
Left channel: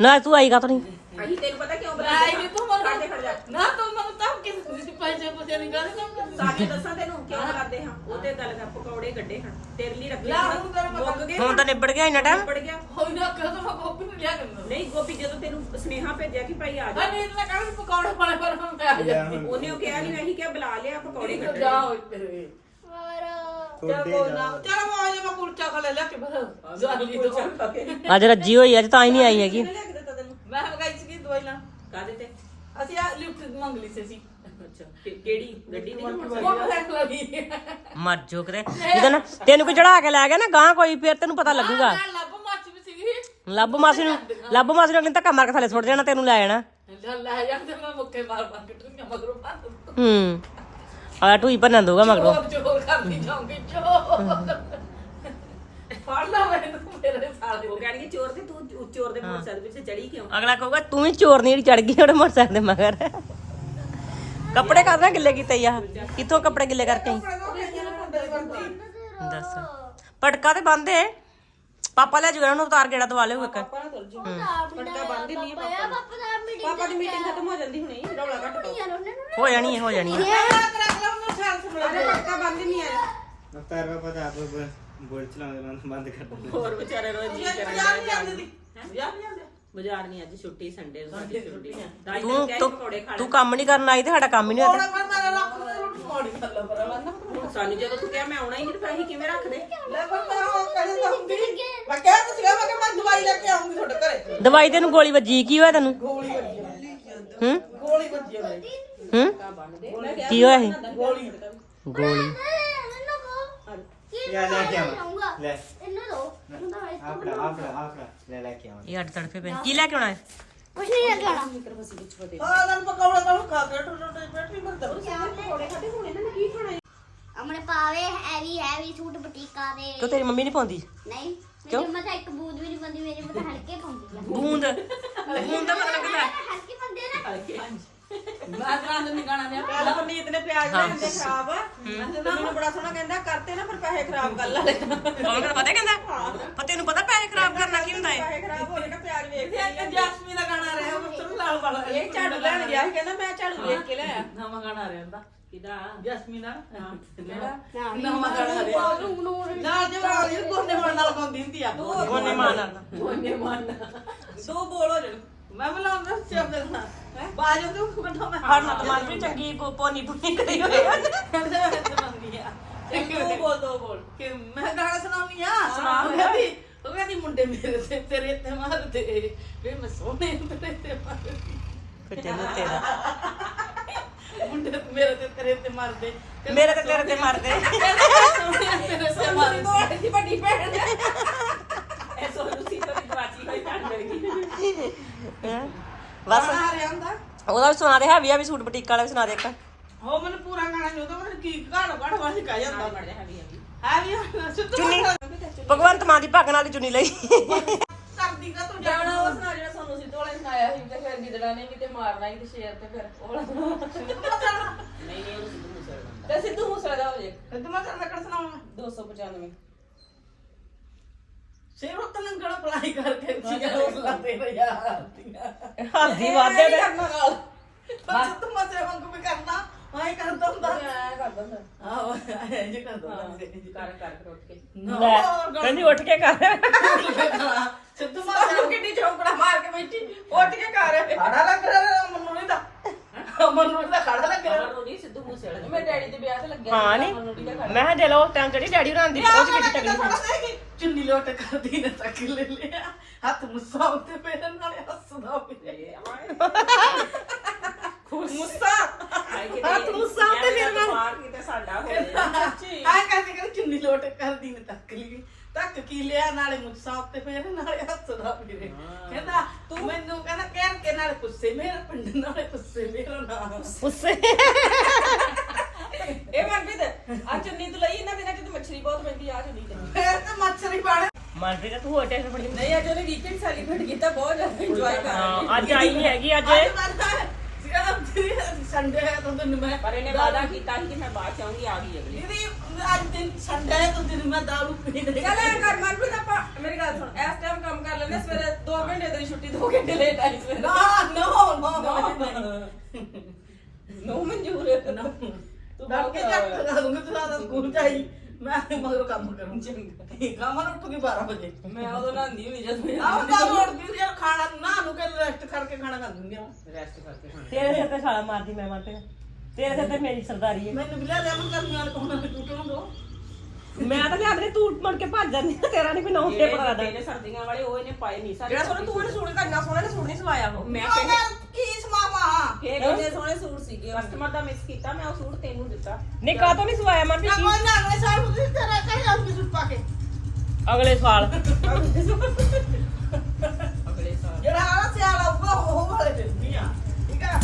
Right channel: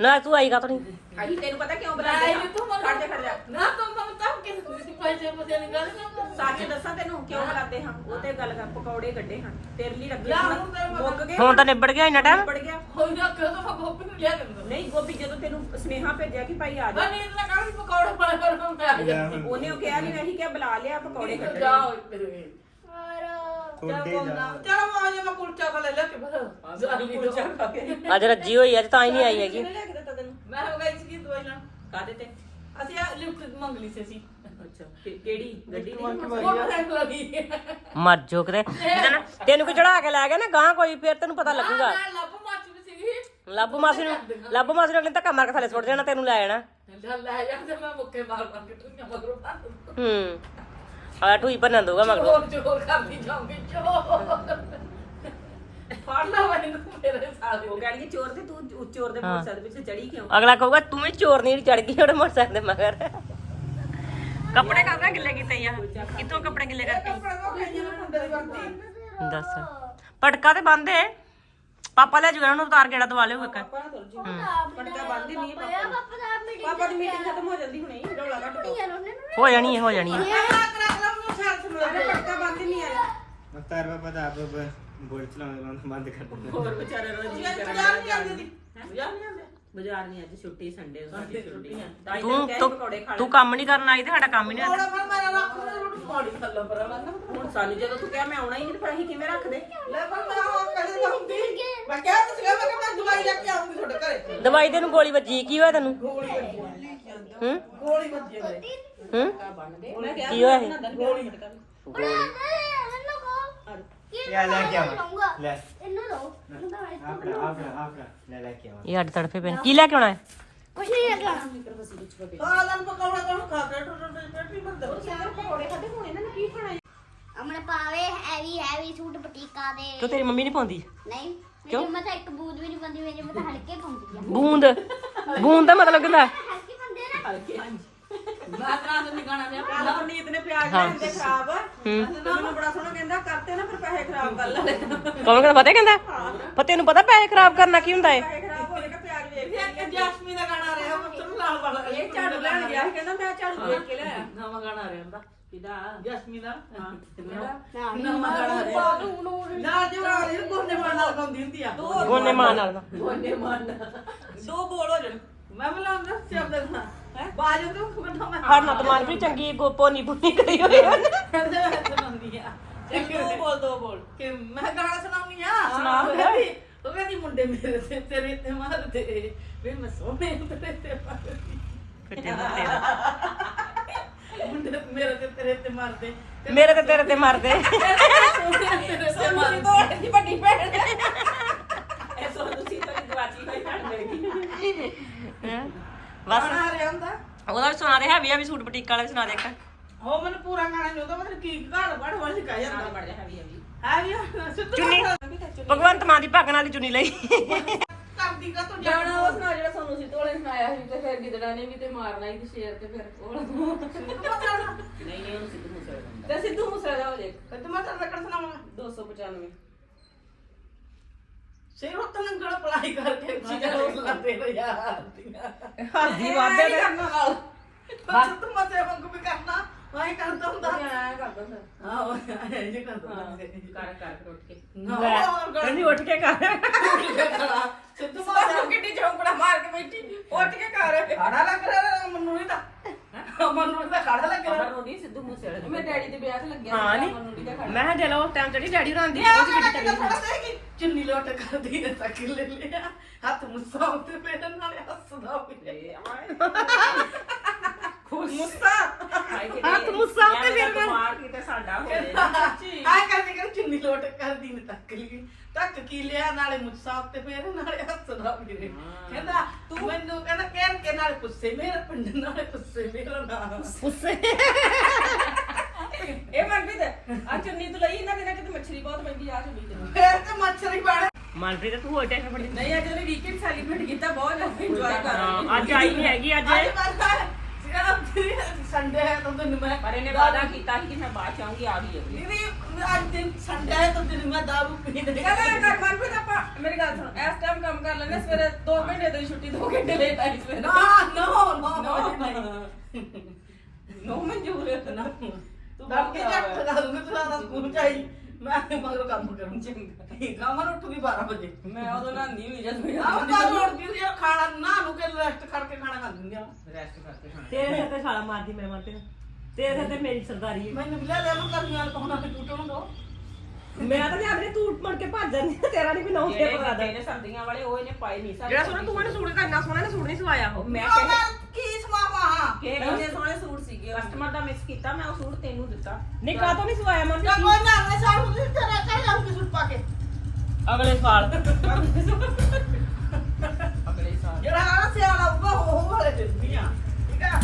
ਨਾ ਤੂੰ ਆਈਗਾ ਤਾਂ ਨਹੀਂ ਅਸੀਂ ਤੈਨੂੰ ਪਤਾ ਕਿਉਂ ਨਹੀਂ ਤੂੰ ਕਰ ਮੈਨੂੰ ਜਾ ਨਾ ਤੂੰ ਮੈਨੂੰ ਤਾਂ ਕਿ ਤੁਸੀਂ ਪੈਸੇ ਪੁੱਛੇ ਨਹੀਂ ਗੱਲ ਨਾ ਕਾਹਦੇ ਦੱਸਾਂ ਤੈਨੂੰ ਕਿਉਂ ਕਰਾਦੇ ਹਾਂ? ਉਹ ਤੇ ਗੱਲ ਕਰ ਪਕੌੜੇ ਗੱਡੇ ਹਨ। ਤੇਰੇ ਲਈ ਰੱਖੇ ਹੁਣ ਮੁੱਕ ਗਏ। ਹੁਣ ਤਾਂ ਨਿਬੜ ਗਿਆ ਇੰਨਾ ਟਾਈਮ ਪੜ ਗਿਆ। ਹੋਈ ਨਾ ਕਰੋ ਤਾਂ ਮੈਂ ਗੋਪੀ ਨੂੰ ਲਿਆ ਕਰੂੰਗਾ ਨਹੀਂ ਗੋਪੀ ਜਦੋਂ ਤੈਨੂੰ ਸੁਨੇਹਾ ਭੇਜਿਆ ਕਿ ਭਾਈ ਆ ਜਾ। ਅਗੇ ਇਹਨਾਂ ਕਹਿੰਦੇ ਪਕੌੜੇ ਪਾਲੇ ਪਰ ਮੈਂ ਆ ਉਹਨੇ ਉਹ ਕਿਹਾ ਨਹੀਂ ਅਸੀਂ ਕਿਹਾ ਬੁਲਾ ਲਿਆ ਪਕੌੜੇ ਜਾ ਹੋਈ ਤੇਰੇ ਔਰ ਚੱਲ ਕੋਈ ਨਾ। ਆ ਜਾ ਮੈਂ ਕੁਲਚਾ ਖਾ ਲੈ ਲੈ ਕੇ ਬਸ। ਜਾਲੀ ਦੋ। ਅੱਜ ਰੱਜੀ ਹੋਈ ਅੱਜ ਤਾਂ ਹੀ ਨਹੀਂ ਆਈ ਹੈਗੀ। ਕਿਹਨੇ ਲਿਆ ਕੇ ਦਿੱਤਾ ਤੈਨੂੰ? ਮੈਂ ਹੋ ਗਈ ਸੀ ਦਵਾਈ ਲੈਣ ਕਾਹਦੇ ਤੇ? ਅਸੀਂ ਆ ਲਿਫਟ ਮੰਗ ਲਈ ਸੀ ਅਸੀਂ। ਅੱਛਾ ਕਿ- ਕਿਹੜੀ ਗੱਡੀ ਦੀ ਕਿ ਉਹ ਮੋਟਰਸਾਈਕਲ ਮੈਂ ਲੱਗੀ ਮਰ ਜੋ ਕਿਤੇ। ਜਿਹਦਾ ਨਾ ਤੈਨੂੰ ਕੋਈ ਚੜਾ ਕੇ ਲੈ ਗਿਆ ਨਾ ਗਾਂ ਕੋਈ ਫੇਰ ਤੈਨੂੰ ਪਤਾ ਲੱਗੂਗਾ। ਮੈਂ ਲੱਭ ਮੱਚ ਵੀ ਸੀਗੀ। ਲੱਭ ਮਾਸੀ ਨੂੰ ਲੱਭ ਮਾਸੀ ਨੂੰ ਅਗਲੇ ਧੱਕਾ ਮਾਰ ਕੇ ਥੱਲੇ ਸੁੱਟ ਜਾਣਾ ਤੈਨੂੰ ਲੈ ਜਾਣਾ। ਲੈ ਲੈ ਜਾਂਦੇ ਮੈਂ ਮੁੱਕੇ ਮਾਰ ਮਾਰ ਕੇ ਟੁੰਗਾ ਮਗਰੋਂ ਮਾਰ ਹੂੰ। ਆ ਟੂਈ ਭੰਨਣ ਦੂਗਾ ਮਗਰੋਂ। ਚੋਰ ਚੋਰ ਕਰਦੀ ਜਾਉਂਗੀ ਚੋਰ ਫੜ ਲਾ ਮੈਨੂੰ ਮੇਰੇ ਸਾਲੇ ਉਹ ਕਹਿੰਦੀ ਚੋਰ ਤੇ ਤੂੰ ਚੋਰ ਦੇ ਮੋਟਰਸਾਈਕਲ ਪਿੱਛੇ ਚੜੀ ਕਿਉਂ? ਅਗਲਾ ਕਹੂਗਾ ਤੂੰ ਵੀ ਚੋਰਨੀ ਜਿਹੜੀ ਚੜ ਗਈ ਉਹਦੇ ਮੋਟਰਸਾਈਕਲ ਦੇ ਮਗਰ। ਕੱਪੜੇ ਕਰਦਾ ਗਿੱਲੇ ਕੀਤੇ ਆ ਕਿੱਥੋਂ ਕੱਪੜੇ ਗਿੱਲੇ ਕਰਕੇ? ਦੱਸ। ਪਟਕਾ ਤੇ ਬੰਦੇ ਪਾਪਾ ਲੈ ਜੂਗਾ ਉਹਨੂੰ ਉਤਾਰ ਗੇੜਾ ਦਵਾ ਲਿਓ ਇੱਕ। ਪਟਕਾ ਬੰਦ ਨਹੀਂ ਪਾਪਾ। ਪਾਪਾ ਦਾ ਮੀਟਿੰਗ ਪਾਪਾ ਦੀ ਮੀਟਿੰਗ ਖਤਮ ਹੋ ਜਾਂਦੀ ਹੁਣੇ। ਰੌਲਾ ਘੱਟ ਯਾਰ ਉਹਨੇ ਨਾ। ਹੋ ਜਾਣੀ ਹੈ ਹੋਰ ਵਿਚਾਰੇ ਰੋਜ਼ ਜੀ ਕਰਨ ਬਾਜ਼ਾਰ ਨਹੀਂ ਅੱਜ ਛੁੱਟੀ ਸੰਡੇ ਸਾਡੀ ਛੁੱਟੀ। ਤਾਂ ਤੂੰ ਤੂੰ ਤੂੰ ਕੰਮ ਨਹੀਂ ਕਰਨ ਆਈ ਤੇ ਸਾਡਾ ਕੰਮ ਹੀ ਨਹੀਂ ਹੋਇਆ ਹੁਣ ਸਾਨੂੰ ਜਦੋਂ ਤੂੰ ਕਿਹਾ ਮੈਂ ਆਉਣਾ ਹੀ ਨਹੀਂ ਫਿਰ ਅਸੀਂ ਕਿਵੇਂ ਰੱਖਦੇ? ਦਵਾਈ ਤੈਨੂੰ ਗੋਲੀ ਵੱਜੀ ਕੀ ਹੋਇਆ ਤੈਨੂੰ? ਗੋਲੀ ਵੱਜੀ। ਹੂੰ? ਗੋਲੀ ਵੱਜੀ ਮੇਰੇ ਹੂੰ? ਕੀ ਹੋਇਆ ਸੀ? ਗੋਲੀ ਇਹਨੂੰ ਕੋ ਯਾ ਲੈ ਕੇ ਆਵਾਂ ਲੈ ਇਹਨੂੰ ਲੋ ਇਹਨੂੰ ਤਾਂ ਵੈਸੇ ਆਪੜਾ ਆਪੜਾ ਆਪੜਾ ਲੈ ਲੈ ਕੇ ਆਵਾਂ ਇਹ ਅੱਡ ਤੜਫੇ ਪੈਣ ਕੀ ਲੈ ਕੇ ਆਉਣਾ ਹੈ? ਕੁਛ ਨਹੀਂ ਲਗਾਣਾ ਅਮਨੇ ਪਾਵੇ ਹੈਵੀ ਹੈਵੀ ਸੂਟ ਬਟੀਕਾ ਦੇ। ਕਿਉਂ ਤੇਰੀ ਮੰਮੀ ਨਹੀਂ ਪਾਉਂਦੀ? ਨਹੀਂ ਮੇਰੀ ਮਤਾ ਇੱਕ ਬੂਦ ਵੀ ਨਹੀਂ ਬੰਦੀ ਮੇਰੀ ਮਤਾ ਹਲਕੇ ਪਾਉਂਦੀ ਆ। ਬੂੰਦ? ਬੂੰਦ ਦਾ ਮਤਲਬ ਕਿੰਦਾ ਹਲਕੀ ਬੰਦੇ ਨਾ। ਮੈਂ ਕਰਾਂ ਨਹੀਂ ਗਾਣਾ ਮੈਂ ਕੱਲ ਪਨੀਤ ਨੇ ਪਿਆਜ਼ ਲੈ ਜਾਂਦੇ ਖਰਾਬ। ਤੇ ਮੈਨੂੰ ਬੜਾ ਸੋਹਣਾ ਕਹਿੰਦਾ ਕਰਤੇ ਨਾ ਫਿਰ ਪੈਸੇ ਖਰਾਬ ਕਰ ਲੈ। ਕੌਣ ਕਹਿੰਦਾ ਪਤਾ ਕਹਿੰਦਾ? ਪਤਾ ਪੈਸੇ ਖਰਾਬ ਕਰਨਾ ਕੀ ਹੁੰਦਾ ਹੈ ਪੈਸੇ ਖਰਾਬ ਹੋ ਜਾਏਗਾ ਪਿਆਜ਼ ਵੇਖ ਕੇ ਜੈਸਮੀਨ ਦਾ ਗਾਣਾ ਰਿਹਾ ਉਹ ਸੁਣ ਲਾਲ ਵਾਲਾ ਇਹ ਝਾੜੂ ਲੈਣ ਗਿਆ ਸੀ ਕਹਿੰਦਾ ਮੈਂ ਝਾੜੂ ਵੇਖ ਕੇ ਲਿਆਇਆ। ਨਵਾਂ ਗਾਣਾ ਰਿਹਾ ਹੁੰਦਾ ਕਿਦਾ ਜੈਸਮੀਨ ਦਾ? ਹਾਂ। ਨਵਾਂ ਗਾਣਾ ਦੇ ਨਾਲ ਜਵਾਨ ਇਹ ਗੋਨੇ ਮਨ ਨਾਲ ਗਾਉਂਦੀ ਹੁੰਦੀ ਆ। ਗੋਨੇ ਮਾਂ ਨਾਲ। ਨਾ। ਗੋਨੇ ਮਨ ਦੋ ਬੋਲ ਹੋ ਜਾਣ। ਮੈਂ ਬੁਲਾਉਂਦਾ ਬਾਜੋ ਤੂੰ ਬੰਦਾ ਮੈਂ ਹਰ ਨਾ ਤੁਮਾਰ ਵੀ ਚੰਗੀ ਗੋ ਪੋਨੀ ਪੁਨੀ ਕਰੀ ਹੋਈ ਆ ਕਹਿੰਦੇ ਮੈਂ ਸੁਣਾਉਂਦੀ ਆ ਦੋ ਬੋਲ ਦੋ ਬੋਲ ਕਿ ਮੈਂ ਗਾਣਾ ਸੁਣਾਉਣੀ ਆ ਸੁਣਾ ਉਹ ਕਹਿੰਦੀ ਉਹ ਕਹਿੰਦੀ ਮੁੰਡੇ ਮੇਰੇ ਤੇ ਤੇਰੇ ਤੇ ਮਾਰਦੇ ਵੇ ਮੈਂ ਸੋਹਣੇ ਤੇਰੇ ਤੇ ਮਾਰਦੀ ਫਿੱਟੇ ਮੁੱਤੇ ਦਾ ਮੁੰਡੇ ਮੇਰੇ ਤੇ ਤੇਰੇ ਤੇ ਮਾਰਦੇ ਤੇ ਮੇਰੇ ਤੇ ਤੇਰੇ ਤੇ ਮਰਦੇ ਸੋਹਣੇ ਤੇਰੇ ਤੇ ਮਾਰਦੀ ਦੀ ਵੱਡੀ ਭੈਣ ਇਹ ਸੋ ਤੁਸੀਂ ਤਾਂ ਗਵਾਚੀ ਹੋਈ ਭੈਣ ਮੇਰੀ ਹੈਂ? ਬਸ ਗਾਣਾ ਰਿਹਾ ਹੁੰਦਾ ਉਹਦਾ ਵੀ ਸੁਣਾ ਦੇ ਹੈਵੀ ਹੈਵੀ ਸੂਟ ਬੁਟੀਕ ਵਾਲਾ ਵੀ ਸੁਣਾ ਦੇ ਇੱਕ। ਉਹ ਮੈਨੂੰ ਪੂਰਾ ਗਾਣਾ ਨਹੀਂ ਆਉਂਦਾ ਮੈਨੂੰ ਕੀ ਗਾਣਾ ਗਾਣਾ ਵਾਸੀ ਕਹਿ ਜਾਂਦਾ। ਹੈ ਵੀ ਸਿੱਧੂ ਚੁੰਨੀ। ਭਗਵੰਤ ਮਾਨ ਦੀ ਭਗਣ ਵਾਲੀ ਚੁੰਨੀ ਲਈ। ਕਰਦੀ ਕਾ ਤੂੰ ਜਾਣਾ ਉਹ ਸੁਣਾ ਜਿਹੜਾ ਸਾਨੂੰ ਸਿੱਧੂ ਵਾਲੇ ਸੁਣਾਇਆ ਸੀ ਤੇ ਫਿਰ ਗਿੱਦੜਾ ਨੇ ਵੀ ਤੇ ਮਾਰਨਾ ਹੀ ਤੇ ਸ਼ੇਰ ਤੇ ਫਿਰ ਉਹ ਨਹੀਂ ਨਹੀਂ ਉਹਨੂੰ ਸਿੱਧੂ ਮੂਸੇ ਤੇ ਸਿੱਧੂ ਮੂਸੇ ਦਾ ਹੋ ਜੇ। ਤੇ ਮੈਂ? ਤੇਰਾ ਲੱਕੜ ਸੁਣਾਉਂਗਾ 295 ਸਿਰ ਉੱਤੇ ਲੰਗੜਾ ਪਲਾਈ ਕਰਕੇ ਚੀਜ਼ਾਂ ਰੋਜ਼ ਲਾਤੇ ਯਾਰ ਹੱਦੀ ਵਾਦੇ ਦੇ। ਬਸ ਤੂੰ ਮਸੇ ਵਾਂਗੂ ਵੀ ਕਰਨਾ ਮੈਂ ਕਰਦਾ ਹੁੰਦਾ। ਆਇਆ ਕਰਦਾ ਫਿਰ ਆਹ ਇਹ ਜੇ ਕਰਦਾ ਹੁੰਦਾ ਕਰ ਕਰ ਉੱਠ ਕੇ। ਲੈ ਕਹਿੰਦੀ ਉੱਠ ਕੇ ਕਰ। ਸਿੱਧੂ ਮਾਸੇ ਕਿੱਡੀ ਚੌਂਕੜਾ ਮਾਰ ਕੇ ਬੈਠੀ। ਉੱਠ ਕੇ ਕਰ। ਖੜਾ ਲੱਗ ਰਿਹਾ ਮੈਨੂੰ ਨਹੀਂ ਤਾਂ। ਮੈਨੂੰ ਤਾਂ ਖੜਾ ਲੱਗ ਰਿਹਾ। ਮਨੂ ਨਹੀਂ ਸਿੱਧੂ ਮੂਸੇ ਵਾਲਾ ਮੇਰੇ ਡੈਡੀ ਦੇ ਵਿਆਹ ਤੇ ਲੱਗਿਆ ਹਾਂ ਨੀ। ਮੈਂ ਕਿਹਾ ਦੇ ਲੋ ਟਾਈਮ ਚੜੀ ਡੈਡੀ ਹੋਰਾਂ ਦੀ ਉਹ ਕਿੱਡੀ ਤਗੜੀ ਸੀ। ਚੁੰਨੀ ਲੋਟ ਕਰਦੀ ਨੇ ਤੱਕ ਲੈ ਲਿਆ। ਹੱਥ ਮੁੱਸਾ ਉੱਤੇ ਮੇਰੇ ਨਾਲ ਹੱਸਦਾ ਫਿਰੇ ਮੁੱਸਾ। ਹੱਥ ਮੁੱਸਾ ਤੇ ਫਿਰ ਮੈਂ ਮਾਰ ਕੇ ਤੇ ਸਾਡਾ ਹੋ ਜਾਏ ਆ ਕਹਿੰਦੇ ਕਿ ਚੁੰਨੀ ਲੋਟ ਕਰਦੀ ਨੇ ਤੱਕ ਲਈ। ਤੱਕ ਕੀ ਲਿਆ? ਨਾਲੇ ਮੁੱਸਾ ਉੱਤੇ ਫੇਰ ਨਾਲੇ ਹੱਸਦਾ ਫਿਰੇ ਕਹਿੰਦਾ ਤੂੰ ਮੈਨੂੰ ਕਹਿੰਦਾ ਕਹਿਰ ਕੇ ਨਾਲੇ ਪੁੱਸੇ ਮੇਰਾ ਪਿੰਡ ਨਾਲੇ ਪੁੱਸੇ ਮੇਰਾ ਨਾਮ। ਉਸੇ ਇਹ ਮਨਪ੍ਰੀਤ ਆ ਚੁੰਨੀ ਤੂੰ ਲਈ ਇਹਨਾਂ ਦਿਨਾਂ ਚ ਤੇ ਮੱਛਰੀ ਬਹੁਤ ਪੈਂਦੀ ਆ ਚੁੰਨੀ ਤੇ ਫੇਰ ਤਾਂ ਮੱਛਰੀ ਬਣ ਮਨਪ੍ਰੀਤ ਤੂੰ ਹੋਰ ਟੈਨਸ਼ਨ ਬੜੀ। ਨਹੀਂ ਅੱਜ ਉਹਨੇ ਵੀਕਐਂਡ ਸੈਲੀਬ੍ਰੇਟ ਕੀਤਾ ਬਹੁਤ ਜ਼ਿਆਦਾ ਇੰਜੋਏ ਕਰ ਰਹੀ ਹਾਂ, ਅੱਜ ਆਈ ਹੈਗੀ ਅੱਜ। ਅੱਜ ਬੰਦਾ ਸੰਡੇ ਹੈ ਤਾਂ ਤੈਨੂੰ ਮੈਂ ਪਰ ਇਹਨੇ ਵਾਦਾ ਕੀਤਾ ਸੀ ਕਿ ਮੈਂ ਬਾਅਦ ਚ ਆਉਂਗੀ ਆ ਗਈ ਅਗਲੀ। ਦੀਦੀ ਅੱਜ ਦਿਨ ਸੰਡੇ ਹੈ ਤਾਂ ਦਿਨ ਮੈਂ ਦਾਰੂ ਪੀਣੇ ਕਹਿੰਦਾ ਇਹ ਕਰ ਮਨਪ੍ਰੀਤ ਆਪਾਂ ਮੇਰੀ ਗੱਲ ਸੁਣ ਇਸ ਟਾਈਮ ਕੰਮ ਕਰ ਲੈਂਦੇ ਸਵੇਰੇ 2 ਘੰਟੇ ਤੇਰੀ ਛੁੱਟੀ 2 ਘੰਟੇ ਲੇਟ ਆਈ ਸਵੇਰੇ। ਨਾ ਨੋ ਨੋ ਨੋ ਮਨਜ਼ੂਰ। ਨਾ ਤੂੰ ਡਰ ਕੇ ਚੱਕ ਲਗਾ ਦੂੰਗਾ ਤੂੰ ਆਦਾ ਸਕੂਲ ਚਾਹੀ ਮੈਂ ਮਗਰ ਕੰਮ ਕਰੂੰ ਚੰਗਾ ਮੈਂ ਉੱਠੂਗੀ 12 ਵਜੇ। ਮੈਂ ਉਦੋਂ ਨਾਂਦੀ ਨਹੀਂ ਜਦ ਮੈਂ ਆਹ ਤਾਂ ਰੋੜ ਦੀ ਯਾਰ ਖਾਣਾ ਨਾ ਨੂੰ ਕੇ ਰੈਸਟ ਕਰਕੇ ਖਾਣਾ ਖਾ ਲੂੰਗੀ ਤੇਰੇ ਸਿਰ ਤੇ ਛਾਲਾ ਮਾਰਦੀ ਮੈਂ ਮਨਪ੍ਰੀਤ ਤੇਰੇ ਸਿਰ ਤੇ ਮੇਰੀ ਸਰਦਾਰੀ ਹੈ। ਮੈਨੂੰ ਵੀ ਲੈ ਲੈ ਮੈਂ ਕਰਨੀ ਵਾਲ ਕੋਣਾ ਤੇ ਟੁੱਟਣ ਦੋ ਮੈਂ ਤਾਂ ਲਿਆਦੇ ਤੂੰ ਮੁੜ ਕੇ ਭੱਜ ਜਾਂਦੀ ਆ, ਤੇਰਾ ਨਹੀਂ ਕੋਈ ਨੌਂ ਤੇ ਪਕੜਾ ਦੇ। ਸਰਦੀਆਂ ਵਾਲੇ ਉਹ ਇਹਨੇ ਪਾਏ ਨਹੀਂ ਸਾਡੇ ਜਿਹੜਾ ਤੂੰ ਇਹਨੂੰ ਸੂਟ ਦਾ ਇੰਨਾ ਸੋਹਣਾ ਇਹਨੂੰ ਸੂਟ ਨਹੀਂ ਸਵਾਇਆ। ਉਹ ਮੈਂ ਕਹਿੰਦਾ ਕੀ ਸਮਾਵਾ ਕਿ ਕਿੰਨੇ ਸੋਹਣੇ ਸੂਟ ਸੀਗੇ ਕਸਟਮਰ ਦਾ ਮਿਸ ਕੀਤਾ ਮੈਂ ਉਹ ਸੂਟ ਤੈਨੂੰ ਦਿੱਤਾ। ਨਹੀਂ ਕਾਹ ਤੋਂ ਨਹੀਂ ਸਵਾਇਆ ਨਾ ਮਨਪ੍ਰੀਤ ਕੋਈ ਨਾ ਅਗਲੇ ਸਾਲ ਨੂੰ ਤੇਰਾ ਕਹਿ ਜਾਊਂਗੀ ਸੁੱਟ ਪਾ ਕੇ। ਅਗਲੇ ਸਾਲ। ਅਗਲੇ ਸਾਲ। ਜਿਹੜਾ ਆ ਸਿਆਲਾ ਉਹ ਉਹ ਵਾਲੇ ਦਿੰਦੀ ਆ। ਠੀਕ ਆ?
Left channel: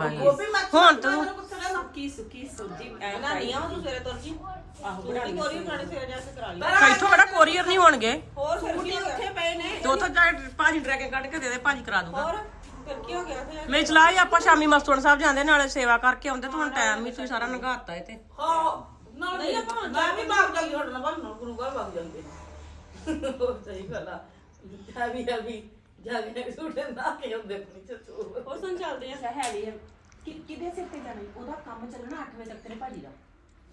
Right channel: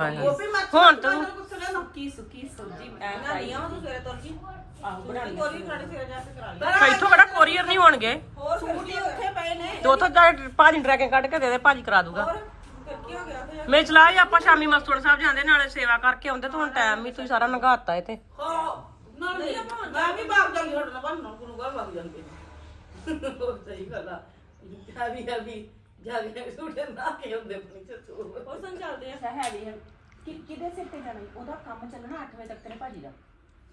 ਉਹ ਵੀ ਮੈਂ ਹੁਣ ਤੂੰ ਸੁੱਕੀ ਸੁੱਕੀ ਸਬਜ਼ੀ ਐ ਬਣਾਈਆਂ ਵਾ ਤੂੰ ਸਵੇਰੇ ਤੁਰ ਜੀ। ਆਹੋ ਬਣਾ ਲਈ। ਕੋਰੀ ਬਣਾਣੀ ਸਵੇਰੇ ਜਾ ਕੇ ਕਰਾ ਲਈ। ਇੱਥੋਂ ਕਿਹੜਾ ਕੋਰੀਅਰ ਨਹੀਂ ਹੋਣਗੇ? ਹੋਰ ਸੂਟ ਹੀ ਉੱਥੇ ਪਏ ਨੇ ਦੋ ਤੋਂ ਭਾਜੀ ਟਰੈਕਿੰਗ ਕੱਢ ਕੇ ਦੇ ਦੇ ਭਾਜੀ ਕਰਾ ਦੂਗਾ। ਹੋਰ ਫਿਰ ਕੀ ਹੋ ਗਿਆ ਫਿਰ? ਮੇਰੀ ਚਲਾ ਹੀ ਆਪਾਂ ਸ਼ਾਮੀ ਮਸਤੂਰ ਸਾਹਿਬ ਜਾਂਦੇ ਨਾਲੇ ਸੇਵਾ ਕਰਕੇ ਆਉਂਦੇ ਤੇ ਹੁਣ ਟਾਈਮ ਵੀ ਤੁਸੀਂ ਸਾਰਾ ਨਗਾਤਾ ਇਹ ਤੇ ਹਾਂ ਨਾਲ ਨਹੀਂ ਆਪਾਂ ਮੈਂ ਵੀ ਬਾਗ ਜਾਂਗੀ ਤੁਹਾਡੇ ਨਾਲ ਬੰਨ ਨੂੰ ਘਰ ਲੱਗ ਜਾਂਦੇ ਸਹੀ ਗੱਲ ਆ। ਹੈਵੀ ਹੈਵੀ ਜਾ ਕੇ ਸੂਟ ਨਾ ਕੇ ਹੁੰਦੇ ਆਪਣੀ ਚਤੂ ਹੋਰ ਸੁਣ ਚੱਲਦੇ ਆ। ਹੈਵੀ ਹੈ ਕਿ ਕਿਹਦੇ ਸਿਰ ਤੇ ਜਾਣਾ? ਉਹਦਾ ਕੰਮ ਚੱਲਣਾ 8 ਵਜੇ ਤੱਕ ਤੇਰੇ ਭਾਜੀ ਦਾ?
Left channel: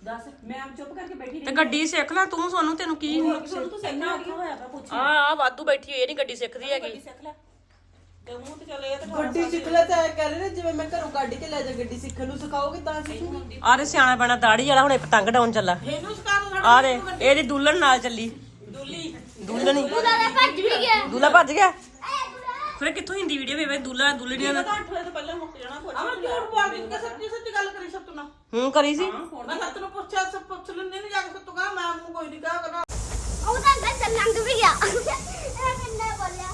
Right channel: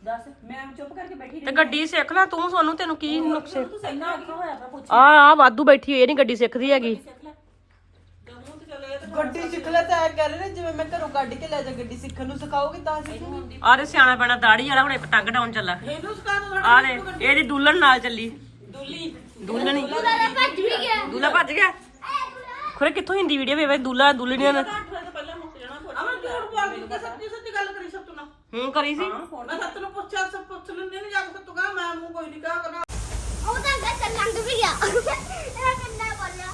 ਦੱਸ ਮੈਂ ਚੁੱਪ ਕਰਕੇ ਬੈਠੀ ਤੇ ਗੱਡੀ ਸਿੱਖ ਲੈ ਤੂੰ ਸੋਨੂੰ ਤੈਨੂੰ ਕੀ ਨੁਕਸ ਰਹੀ ਤੂੰ ਇੰਨਾ ਔਖਾ ਹੋਇਆ ਪਿਆ ਪੁੱਛ ਆ ਆ ਵਾਧੂ ਬੈਠੀ ਹੋਈ ਇਹ ਨਹੀਂ ਗੱਡੀ ਸਿੱਖਦੀ ਹੈਗੀ। ਸਿੱਖ ਲੈ। ਤੇ ਮੂੰਹ ਤੇ ਚੱਲੇ ਤੇ ਗੱਡੀ ਸਿੱਖ ਲੈ ਤਾਂ ਕਹਿ ਰਹੇ ਨੇ ਜਿਵੇਂ ਮੈਂ ਘਰੋਂ ਗੱਡੀ ਕੇ ਲੈ ਜਾ ਗੱਡੀ ਸਿੱਖਣ ਨੂੰ ਸਿਖਾਓਗੇ ਤਾਂ ਸਿੱਖੂਗੀ। ਆ ਦੇ ਸਿਆਣਾ ਪੈਣਾ ਦਾੜੀ ਵਾਲਾ ਹੁਣ ਇੱਕ ਪਤੰਗ ਡਾਉਣ ਚੱਲਾ। ਇਹਨੂੰ ਸਿਖਾਉਣ ਨੂੰ ਆ ਦੇ ਇਹਦੀ ਦੁਲਹਨ ਨਾਲ ਚੱਲੀ। ਦੁੱਲੀ। ਹੀ। ਦਾਦਾ ਭੱਜ ਵੀ ਗਿਆ। ਦੁਲਾ ਭੱਜ ਗਿਆ? ਖਰੇ ਕਿੱਥੋਂ ਹਿੰਦੀ ਵੀਡੀਓ ਵੇ ਦੁਲਾ ਦੁਲਹਨੀਆਂ ਦਾ? 8 ਵਜੇ ਤੋਂ ਪਹਿਲਾਂ ਮੁੱਕ ਜਾਣਾ ਕੁਝ ਅਮਰ ਝੂਠ ਬੋਲ ਕੇ ਸੱਚੀ ਸੱਚੀ ਗੱਲ ਕਰੀ ਸਭ ਤੂੰ ਨਾ ਹੂੰ ਕਰੀ ਸੀ। ਮੈਂ ਸੱਤ ਨੂੰ ਪੁੱਛਿਆ ਸਭ ਪੁੱਛ ਲੈਂਦੇ ਨਹੀਂ ਜਾ ਕੇ ਤੂੰ ਕਹਾ ਮੈਂ ਮੂੰਹ ਕੋਈ ਨਹੀਂ ਕਹਾ ਕਰਦਾ ਉਹ ਤਾਂ ਗੱਜ ਲੰਘ ਵੀ ਗਿਆ ਇਹ ਕਿੰਨਾ ਬੋਲਿਆ।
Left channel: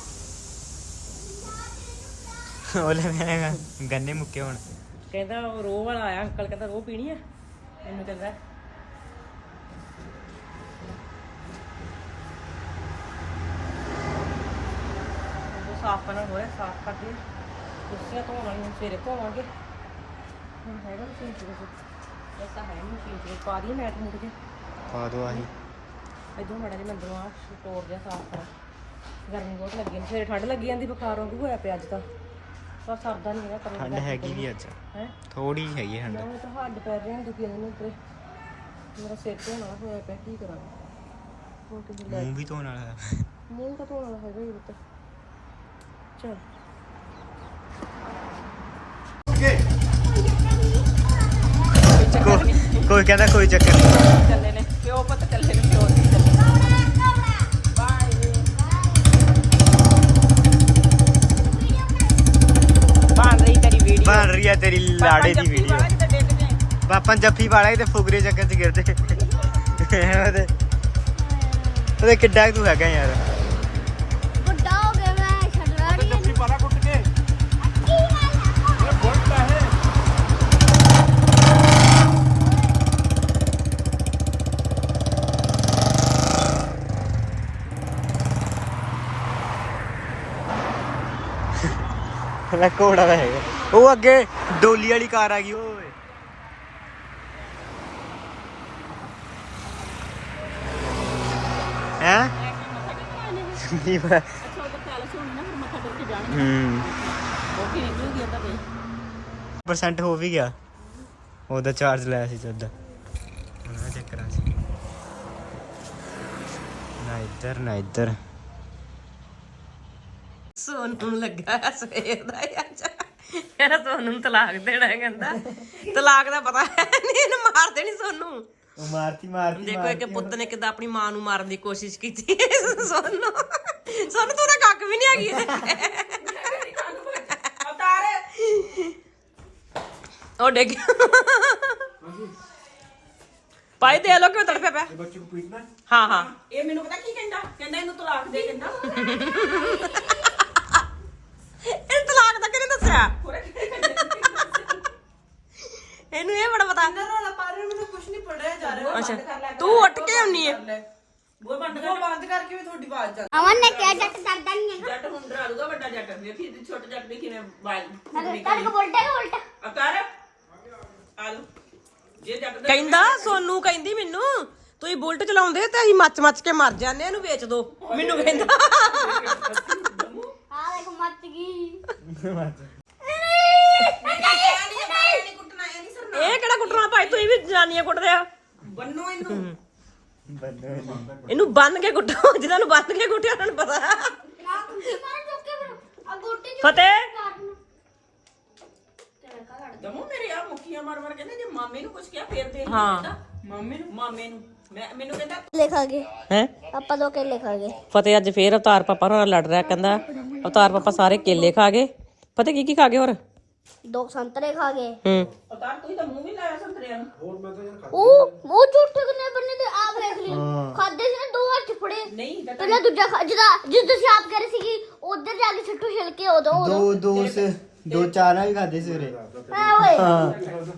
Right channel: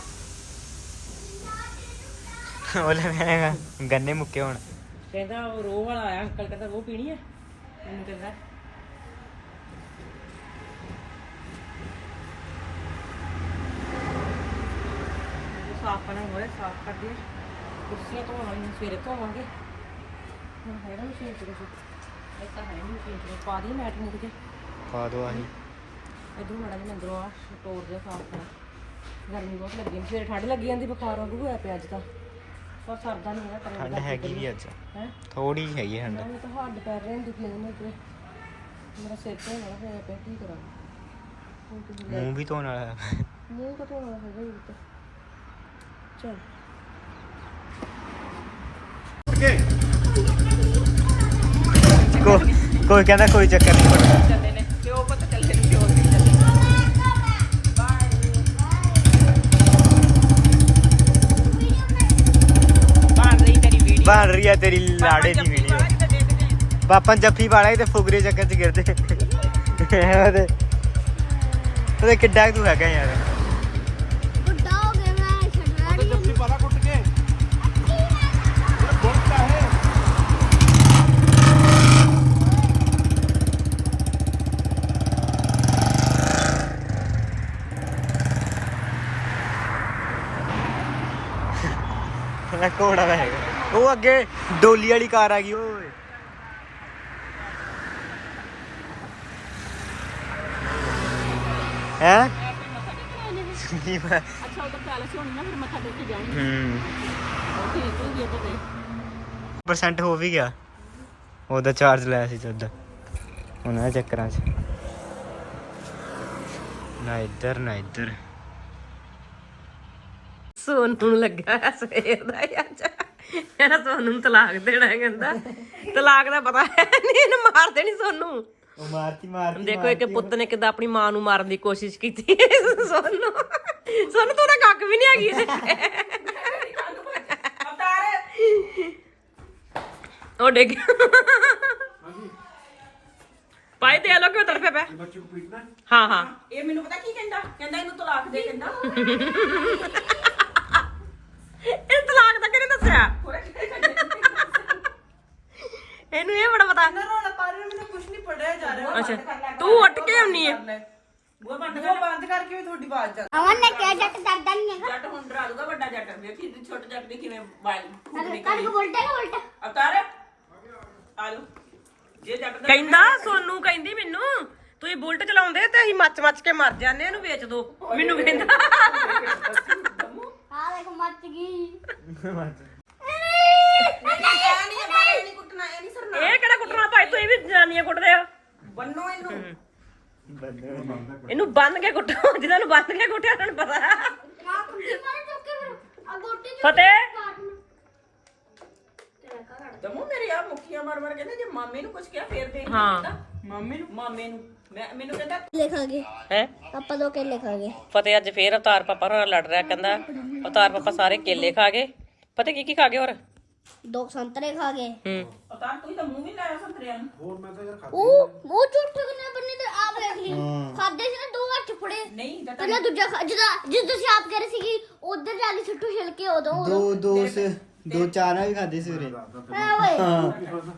ਉਹਲੇ ਮੈਂ ਗੰਨੇ ਮੁੱਕੇ ਹੁਣ। ਕਹਿੰਦਾ ਉਹ ਰੋਹ ਵਾਲਾ ਆਇਆ ਅੰਕਲ ਕਹਿੰਦਾ ਰੋਹ ਪੀਣੀ ਹੈ ਇਹਨੂੰ ਕਹਿੰਦਾ ਸਾਫ਼ ਕਰਨਾ ਹੋ ਰਿਹਾ ਸਾਫ਼ ਕਰ ਦਿਓ ਕੁਰਸੀਆਂ ਧੋਣ ਵਾਲੀਆਂ ਸਵੇਰੇ ਧੋਵਾਂਗੇ। ਹੁਣ ਹੈ ਨਹੀਂ ਮਸ਼ੀਨ ਚ ਕੁਛ। ਇਹ ਤਾਂ ਹੈ ਨਹੀਂ ਮਸ਼ੀਨ ਚ ਪਾ ਦੀ ਮੈਟ ਮੁੱਕ ਜੇ। ਪਾ ਦੋ ਆਹੀ। ਇਧਰੋਂ ਮੜਾ ਜਿਹਾ ਅੰਦਰੋਂ ਆ ਸਟੋਰ ਜਿਹਾ ਸਾਫ਼ ਕਰਾਂ। ਗਰਮੀ ਬਹੁਤ ਲੱਗੀ ਜਾਂਦੀ। ਸਵੇਰੇ ਠੰਡ ਲੱਗੀ ਜਾਂਦੀ ਬੁਖਾਰ ਵਾਂਗੂ ਹੋਇਆ ਪਿਆ ਅੱਜ ਤਾਂ। ਪਰ ਸਰਦਾ ਨਹੀਂ ਹੈਗਾ ਠੰਡ ਹੈਗੀ ਆ ਅੱਜ। ਹੈ? ਥੋੜੀ ਹੈਗੀ ਠੰਡ। ਉਹ ਤਾਂ ਹੱਡ ਪੈ ਰਹੇ ਨੇ ਦੁਖੀ ਜਾਂਦੇ ਨੇ ਤੇਰੇ ਮੇਰਾ ਸਿਰ ਧੋਣ ਵਾਲਾ ਹੋਇਆ ਪਿਆ ਕੀ ਕਰਾਂ। ਹੁਣ ਕਿਸੇ ਲੈ ਮੂੰਹ ਵੀ ਧੋਣ ਵਾਲਾ। ਮੂੰਹ ਤਾਂ ਧੋਣ ਵਾਲਾ ਹੈਗਾ ਹੀ ਚਲ। ਕੋਈ ਕਹਿੰਦਾ ਕੋਈ ਚੱਕਰ ਨਹੀਂ ਪਰ ਬਣ ਰਹੀ ਹੈ ਤੇਰੀ ਲਾੜੇ ਦੀ ਵੀਡੀਓ ਪਾਪਾ ਜੱਫੀ ਵਾਲਾ ਤੇ ਫੁਗਰੇ ਚੱਕਰ ਚ ਗਿਰਦੇ। ਉਹਦੇ ਉਹਦੇ ਕਿੱਡਾ ਤੂੰ ਹੈਗਾ ਯਾਰ ਬੁੱਢਾ ਹੋ ਗਿਆ ਮੈਂ ਛੱਡਣਾ ਨਹੀਂ ਜੱਫੀ ਪਾਰਾ ਕੁੱਟ ਕੇ ਇਹ ਗੋਲਟਾ ਹੈ ਉਹਦਾ ਘੋੜਾ ਦਾ ਹੈਗਾ। ਉਹ ਅੱਗੇ ਡੋਲੀ ਵਾਲੀ ਕਾਰ ਆ ਗਈ, ਓਏ। ਹੈ? ਅੱਛਾ ਉਹ ਤਾਂ ਪੈਲਸ ਹੋਣੀ ਨਾ ਫਿਰ ਮੱਥਾ ਟੇਕ ਕੇ ਜਾਣਗੇ ਹੂੰ। ਹੋਰ ਕੀ ਨਿਕਲੂਗੀ ਇੱਧਰ ਤੇ ਪਰਸੈਂਟ ਹੋ ਵੀ ਗਿਆ। ਉਹਦਾ ਚਾਰਜ ਲਿਆ ਸੀ ਤਦ ਉਹਨਾਂ ਦੇ ਚੱਕਰਾਂ 'ਚ। ਨਾ ਇੱਧਰ ਨਾ ਇੱਧਰ। ਸੋਨੂੰ ਨੂੰ ਲੱਗਾ ਸਵੇਰ ਦਾ ਹੀ ਅੱਜ। ਕਹਿੰਦਾ ਸੋਨੂੰ ਨੂੰ ਤਲਾਕ ਦੇਣਾ ਹੈ ਕਹਿੰਦਾ। ਤਲਾਕ ਦਾ ਪਤਾ ਹੈ ਨਹੀਂ ਇਹਨੂੰ ਮਾਰ ਦੇਣੀ ਸੋਨੂੰ। ਮਾਰਤੀ ਮਾਰਤੀ ਦੇਖੋ ਇੱਕ ਪੁੱਤ ਨੇ ਕਿਦਾਂ ਆਪਣੀ ਮਾਂ ਨੂੰ ਮਾਰਨ ਦੀ ਕੋਸ਼ਿਸ਼ ਕੀਤੀ। ਸੋਨੂੰ। ਸੋਨੂੰ ਤੂੰ ਤਾਂ ਕੱਖ ਵੀ ਨਹੀਂ ਹੈਗੀ ਇਹਦੇ। ਉਹ ਡਿੱਗ। ਪਾਈ ਦੇ ਲੋ ਕਿਉਂ ਤੜਪੇ ਪਿਆ ਹਾਂ ਹਾਂ। ਇਹ ਮੈਨੂੰ ਪਤਾ ਕੀ ਕਹਿੰਦਾ? ਕਹਿੰਦਾ ਇਹਨੂੰ ਤਲਾਕ ਦੇ ਕਹਿੰਦਾ। ਇਹ ਤਲਾਕ ਕਿਹਨੇ ਦੱਸਿਆ? ਇਹਨੂੰ ਇਹ ਬੜਾ ਪਤਾ। ਰੋਲਾ ਪਾ ਰਹੇ ਮੈਨੂੰ ਕੁਝ ਨਹੀਂ ਪੜਿਆ ਜਾ ਰਿਹਾ। ਅੱਛਾ ਤੂੰ ਉੱਠ ਕੇ ਆਉਣੀ ਹੈ ਬੰਦ ਉਹ ਬੰਦ ਕਰਕੇ ਵੀ ਤੁਹਾਡੀ ਆਵਾਜ਼ ਜਾ ਅਮਨ ਨੇ ਕਿਹਾ ਜੱਟ ਡਰਦਾ ਨਹੀਂ ਹੈਗਾ। ਜੱਟ ਹੁਣ ਡਰਾ ਲੂਗਾ ਵੱਡਾ ਜੱਟ ਵੇਖੀ ਤੇ ਛੋਟੇ ਜੱਟ ਦੀ ਕਿਵੇਂ ਬਾਲ ਤੜਕ ਬੋਲਟਾ ਕਿ ਉਲਟਾ ਅਵਤਾਰ ਆ ਜਾਓ ਜੇ ਜੱਟ ਦਾ ਕਹਿੰਦਾ ਸੋਨੂੰ ਕਹਿੰਦੀ ਮੈਨੂੰ ਤੁਸੀਂ ਬੁਲਟ ਚਲਾਉਂਦੇ ਤੇ ਅਸੀਂ ਮੱਚ ਮੱਚ ਕੇ ਮਰ ਜਾਂਦੇ ਇਹਨੂੰ ਵੇਚ ਦੋ। ਮੈਨੂੰ ਕਹਿੰਦਾ। ਆ ਦੇਖ ਮੱਚ ਗਈ। ਨਹੀਂ ਬਾਹਰ ਨਹੀਂ ਕੁੱਟਣਾ ਇਹ ਨਹੀਂ ਸਰਨਾ ਇਹ ਕਿਹੜਾ ਕੁੱਟਣਾ ਭਾਈ? ਤੁਸੀਂ ਵੀ ਜਨਾਨੀਆਂ ਕੁੱਟਦੇ ਆ ਬੰਨੋ ਇਹਨੂੰ। ਇਹਨੂੰ ਬੰਨ ਕੇ ਕੁੱਟੋ ਜਿਹਨਾਂ ਨੂੰ ਬੰਨ ਕੇ ਕੁੱਟਿਆ ਉਹਨਾਂ ਨੂੰ ਪਤਾ। ਨਾ ਕੁੰਡੀ ਮਾਰ ਚੁੱਕੇ ਫਿਰ। ਆ ਗੋਟੇ ਚ ਫਤਿਹ। ਦਮੂ ਮੇਰੇ ਆ। ਮੁੱਕੀਆਂ ਮਾਰ ਮਾਰ ਕਹਿੰਦੇ ਜੇ ਮਾਮੇ ਨੂੰ ਕੁਝ ਕਿਹਾ ਫੇਰ ਦੇ ਹਾਂ। ਮਾਮੇ ਨੂੰ। ਮਾਮੇ ਨੂੰ? ਮੈਂ ਮੈਨੂੰ ਕਹਿੰਦਾ ਲਿਖਾਂਗੇ। ਹੈ? ਆਪਾਂ ਦੋ ਕੇ ਲਿਖਾਂਗੇ ਫਤਿਹ ਅੱਜ ਫੇਰ ਅਵਤਾਰ ਪਾਪਾ ਨਾਲ ਲੜ ਰਿਹਾ ਕਹਿੰਦਾ ਅਵਤਾਰ ਪਾਪਾ ਸਾਰੇ ਕੇਲੇ ਖਾ ਗਏ ਫਤਿਹ ਕੀ ਕੀ ਖਾ ਗਏ ਹੋਰ? ਦੋ ਸੰਤਰੇ ਖਾ ਗਏ ਹੂੰ। ਉਤਾਰ ਕੋਈ ਤਾਂ ਮੂੰਹ ਵੀ ਲਾਇਆ ਸੰਤਰਿਆਂ ਨੂੰ? ਉਹ ਉਹ ਝੂਠੇ ਕਿੰਨੇ ਬੰਨੇ ਤੇ ਆ ਵੇਖ ਲਈ। ਖਾਦੇ ਸੀ ਨਾ ਦੋ ਹੱਥ ਫੜੇ। ਨਹੀਂ ਤੇ ਨਾ ਦੂਜਾ ਖਾ- ਜਿਹਦਾ ਜਿਸ ਤੁਸੀਂ ਆਪ ਕਹਿ ਰਹੇ ਸੀ ਕਿ ਉਧਰ ਜਾ ਕੇ ਸਿੱਟੂ ਛਿਲਕੇ ਉਦੋਂ ਦੋ ਦੋ ਦੋ ਚਾਰ ਨਾਲ ਹੀ ਖਾਦੇ ਸਵੇਰੇ ਆ ਓਏ। ਹਾਂ।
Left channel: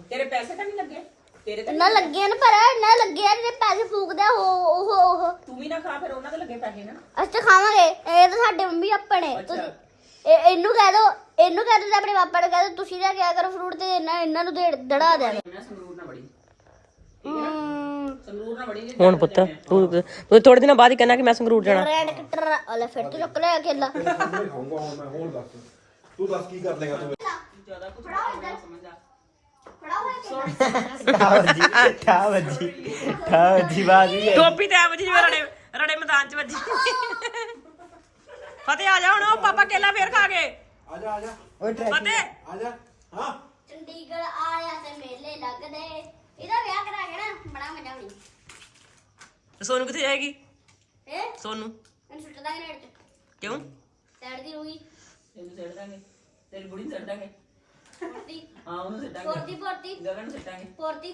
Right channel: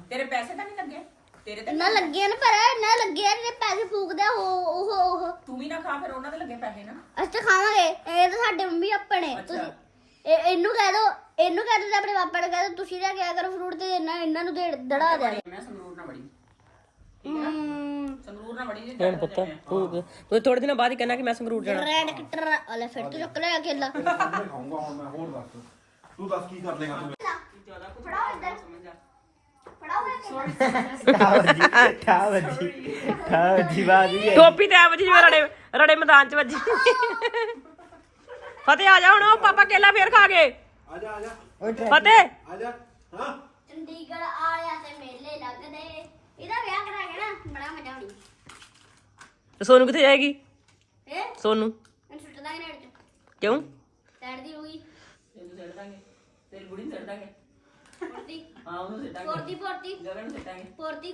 ਤੇਰੇ ਪੈਸੇ ਤਾਂ ਨਹੀਂ ਲੱਗੇ? ਤੇਰੇ ਤਾਂ ਇੰਨਾ ਲੱਗਿਆ ਨਾ ਪਰ ਇੰਨਾ ਲੱਗਿਆ ਨੇ ਪੈਸੇ ਫੂਕਦਾ ਉਹ ਉਹ ਉਹ। ਤੂੰ ਵੀ ਨਾ ਖਾ ਫਿਰ ਉਹਨਾਂ ਦੇ ਲੱਗੇ ਪੈਸੇ ਨਾ। ਅਸੀਂ ਤਾਂ ਖਾਵਾਂਗੇ ਇਹ ਤਾਂ ਸਾਡੇ ਮੰਮੀ ਆਪਣੇ ਤੁਸੀਂ ਇਹ ਇਹਨੂੰ ਕਹਿ ਦੋ ਇਹਨੂੰ ਕਹਿ ਦੋ ਤੇ ਆਪਣੇ ਪਾਪਾ ਨੂੰ ਕਹਿ ਦੋ ਤੁਸੀਂ ਲੈ ਕੇ ਆਇਆ ਕਰੋ ਫਰੂਟ ਤੇ ਇਹਨਾਂ ਇਹਨਾਂ ਨੂੰ ਦੇ ਦੜਾ ਦੇ। ਮੈਂ ਸੰਗਰੂਰ ਨਾ ਬੜੀ। ਹਮ ਸੰਗਰੂਰ ਨਾ ਬੜੀ ਹੁਣ ਪੁੱਤ ਤੂੰ ਤੂੰ ਥੋੜੇ ਦਿਨਾਂ ਬਾਅਦ ਹੀ ਕਹਿਣਾ ਕਿ ਮੈਂ ਸੰਗਰੂਰ ਜਾਣਾ। ਰੈਡ ਕਟਰ ਅਲੇ ਫਿਰ ਤੇ ਚੁੱਕ ਲਿਆ ਕੇਲਾ। ਤੂੰ ਦੱਸ ਕੀ ਕਰ ਲੇਗਾ ਤੂੰ? ਠਾ ਵੱਜੀ ਠਾ ਵੱਜੀ ਬਾਤ ਵੀ ਟੋਪੀ ਤੇ ਆ ਵੱਜੀ ਜਿਵੇਂ ਰੜੇ ਰੜੇ ਮੈਦਾਨ ਚ ਵੱਜੀ। ਫਤਿਹ ਆ ਜਾ ਹੁਣ ਉਹ ਪਾਪਾ ਕੇਲਾ ਫੇਰ ਖਾ ਗਏ। ਆ ਜਾ ਆ ਜਾ। ਫਤਿਹ। ਆ ਜਾ ਹਾਂ। ਚੰਡੀਗੜ੍ਹ ਆਲਿਆ ਤੇ ਮੇਲੇ ਲੱਗਦੇ। ਇਹਦਾ ਵਿਆਹ ਕਰਾ ਕੇ ਨਾ ਬੜਾ ਮਜ਼ਾ ਆਉਣੀ। ਤੇ ਸੋਨੂੰ ਕਿੱਥੇ ਜਾਏਗੀ? ਇਹ ਸੋਨੂੰ। ਇਹਨੂੰ ਸੁੱਟ ਦਾਂਗੇ ਨੇੜ ਚ। ਕਿਉਂ? ਸਾਈਡ ਦੀ ਰੂਗੀ ਤੈਨੂੰ ਛੱਡ ਦਾਂਗੇ। ਤੇਰੀ ਬੁੜੀ ਨੂੰ ਛੱਡ ਦਾਂਗੇ। ਪੋਰਤੀ। ਹਾਂ ਉਹਨੂੰ ਪੋਰਤੀ ਪੋਰਤੀ। ਗਗਨ ਨੂੰ ਛੱਡਾਂਗੇ ਪੋਰਤੀ।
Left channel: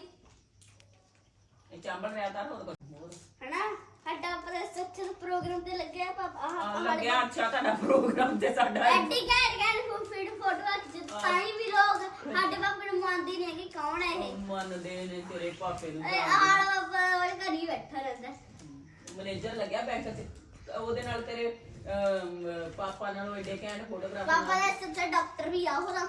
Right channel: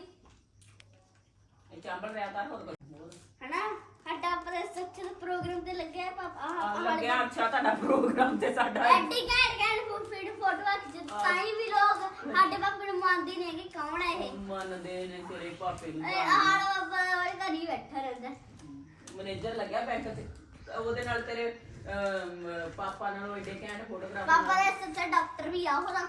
ਇਹ ਚਾਂਬਲ ਰਿਆ ਤਾਂ ਹੋਰ ਕੁਝ ਹਨਾ? ਸਾਡਾ ਸੱਚੇ ਪ੍ਰੋਗਰਾਮ ਤੇ ਲੱਗਿਆ ਪਾਪਾ ਆਹ ਆ ਲੱਗਿਆ। ਅੱਛਾ ਤੁਹਾਡਾ ਪ੍ਰੋਗਰਾਮ ਤੇ ਸਾਡਾ ਐਡੀ ਘੈਂਟ ਘੈਂਟ ਫੀਡ ਫੋਟੋ ਖਿੱਚ ਤਾਂ ਹੀ। ਵੀ ਲੋਕ ਸਾਡੇ ਪਾਪੇ ਨੂੰ ਮੰਨਦੇ ਨੇ ਕਿ ਕੌਣ ਹੈ ਇਹ? ਮੰਨਦੇ ਨੇ ਤੇਰੇ ਪਾਪੇ ਨੂੰ ਇਹ ਆੜ ਪਾਪਾ ਵਾਲੇ ਘਰ ਹੀ ਬੈਠਾ ਰਹਿੰਦਾ। ਮੈਨੇਜਰ ਲੱਗਿਆ ਬੈਂਕ ਤੇ ਉਹਦੇ ਨਾਲ ਤੇਰੇ ਅਮ, ਪਾਪਾ ਨਾਲ ਏਡੇ ਘੈਂਟ ਫੋਟੋਗ੍ਰਾਫ ਪਾਪਾ ਦਾ ਸੱਚਾ ਡਾਕਟਰ ਵੀ ਆ ਉਹਦਾ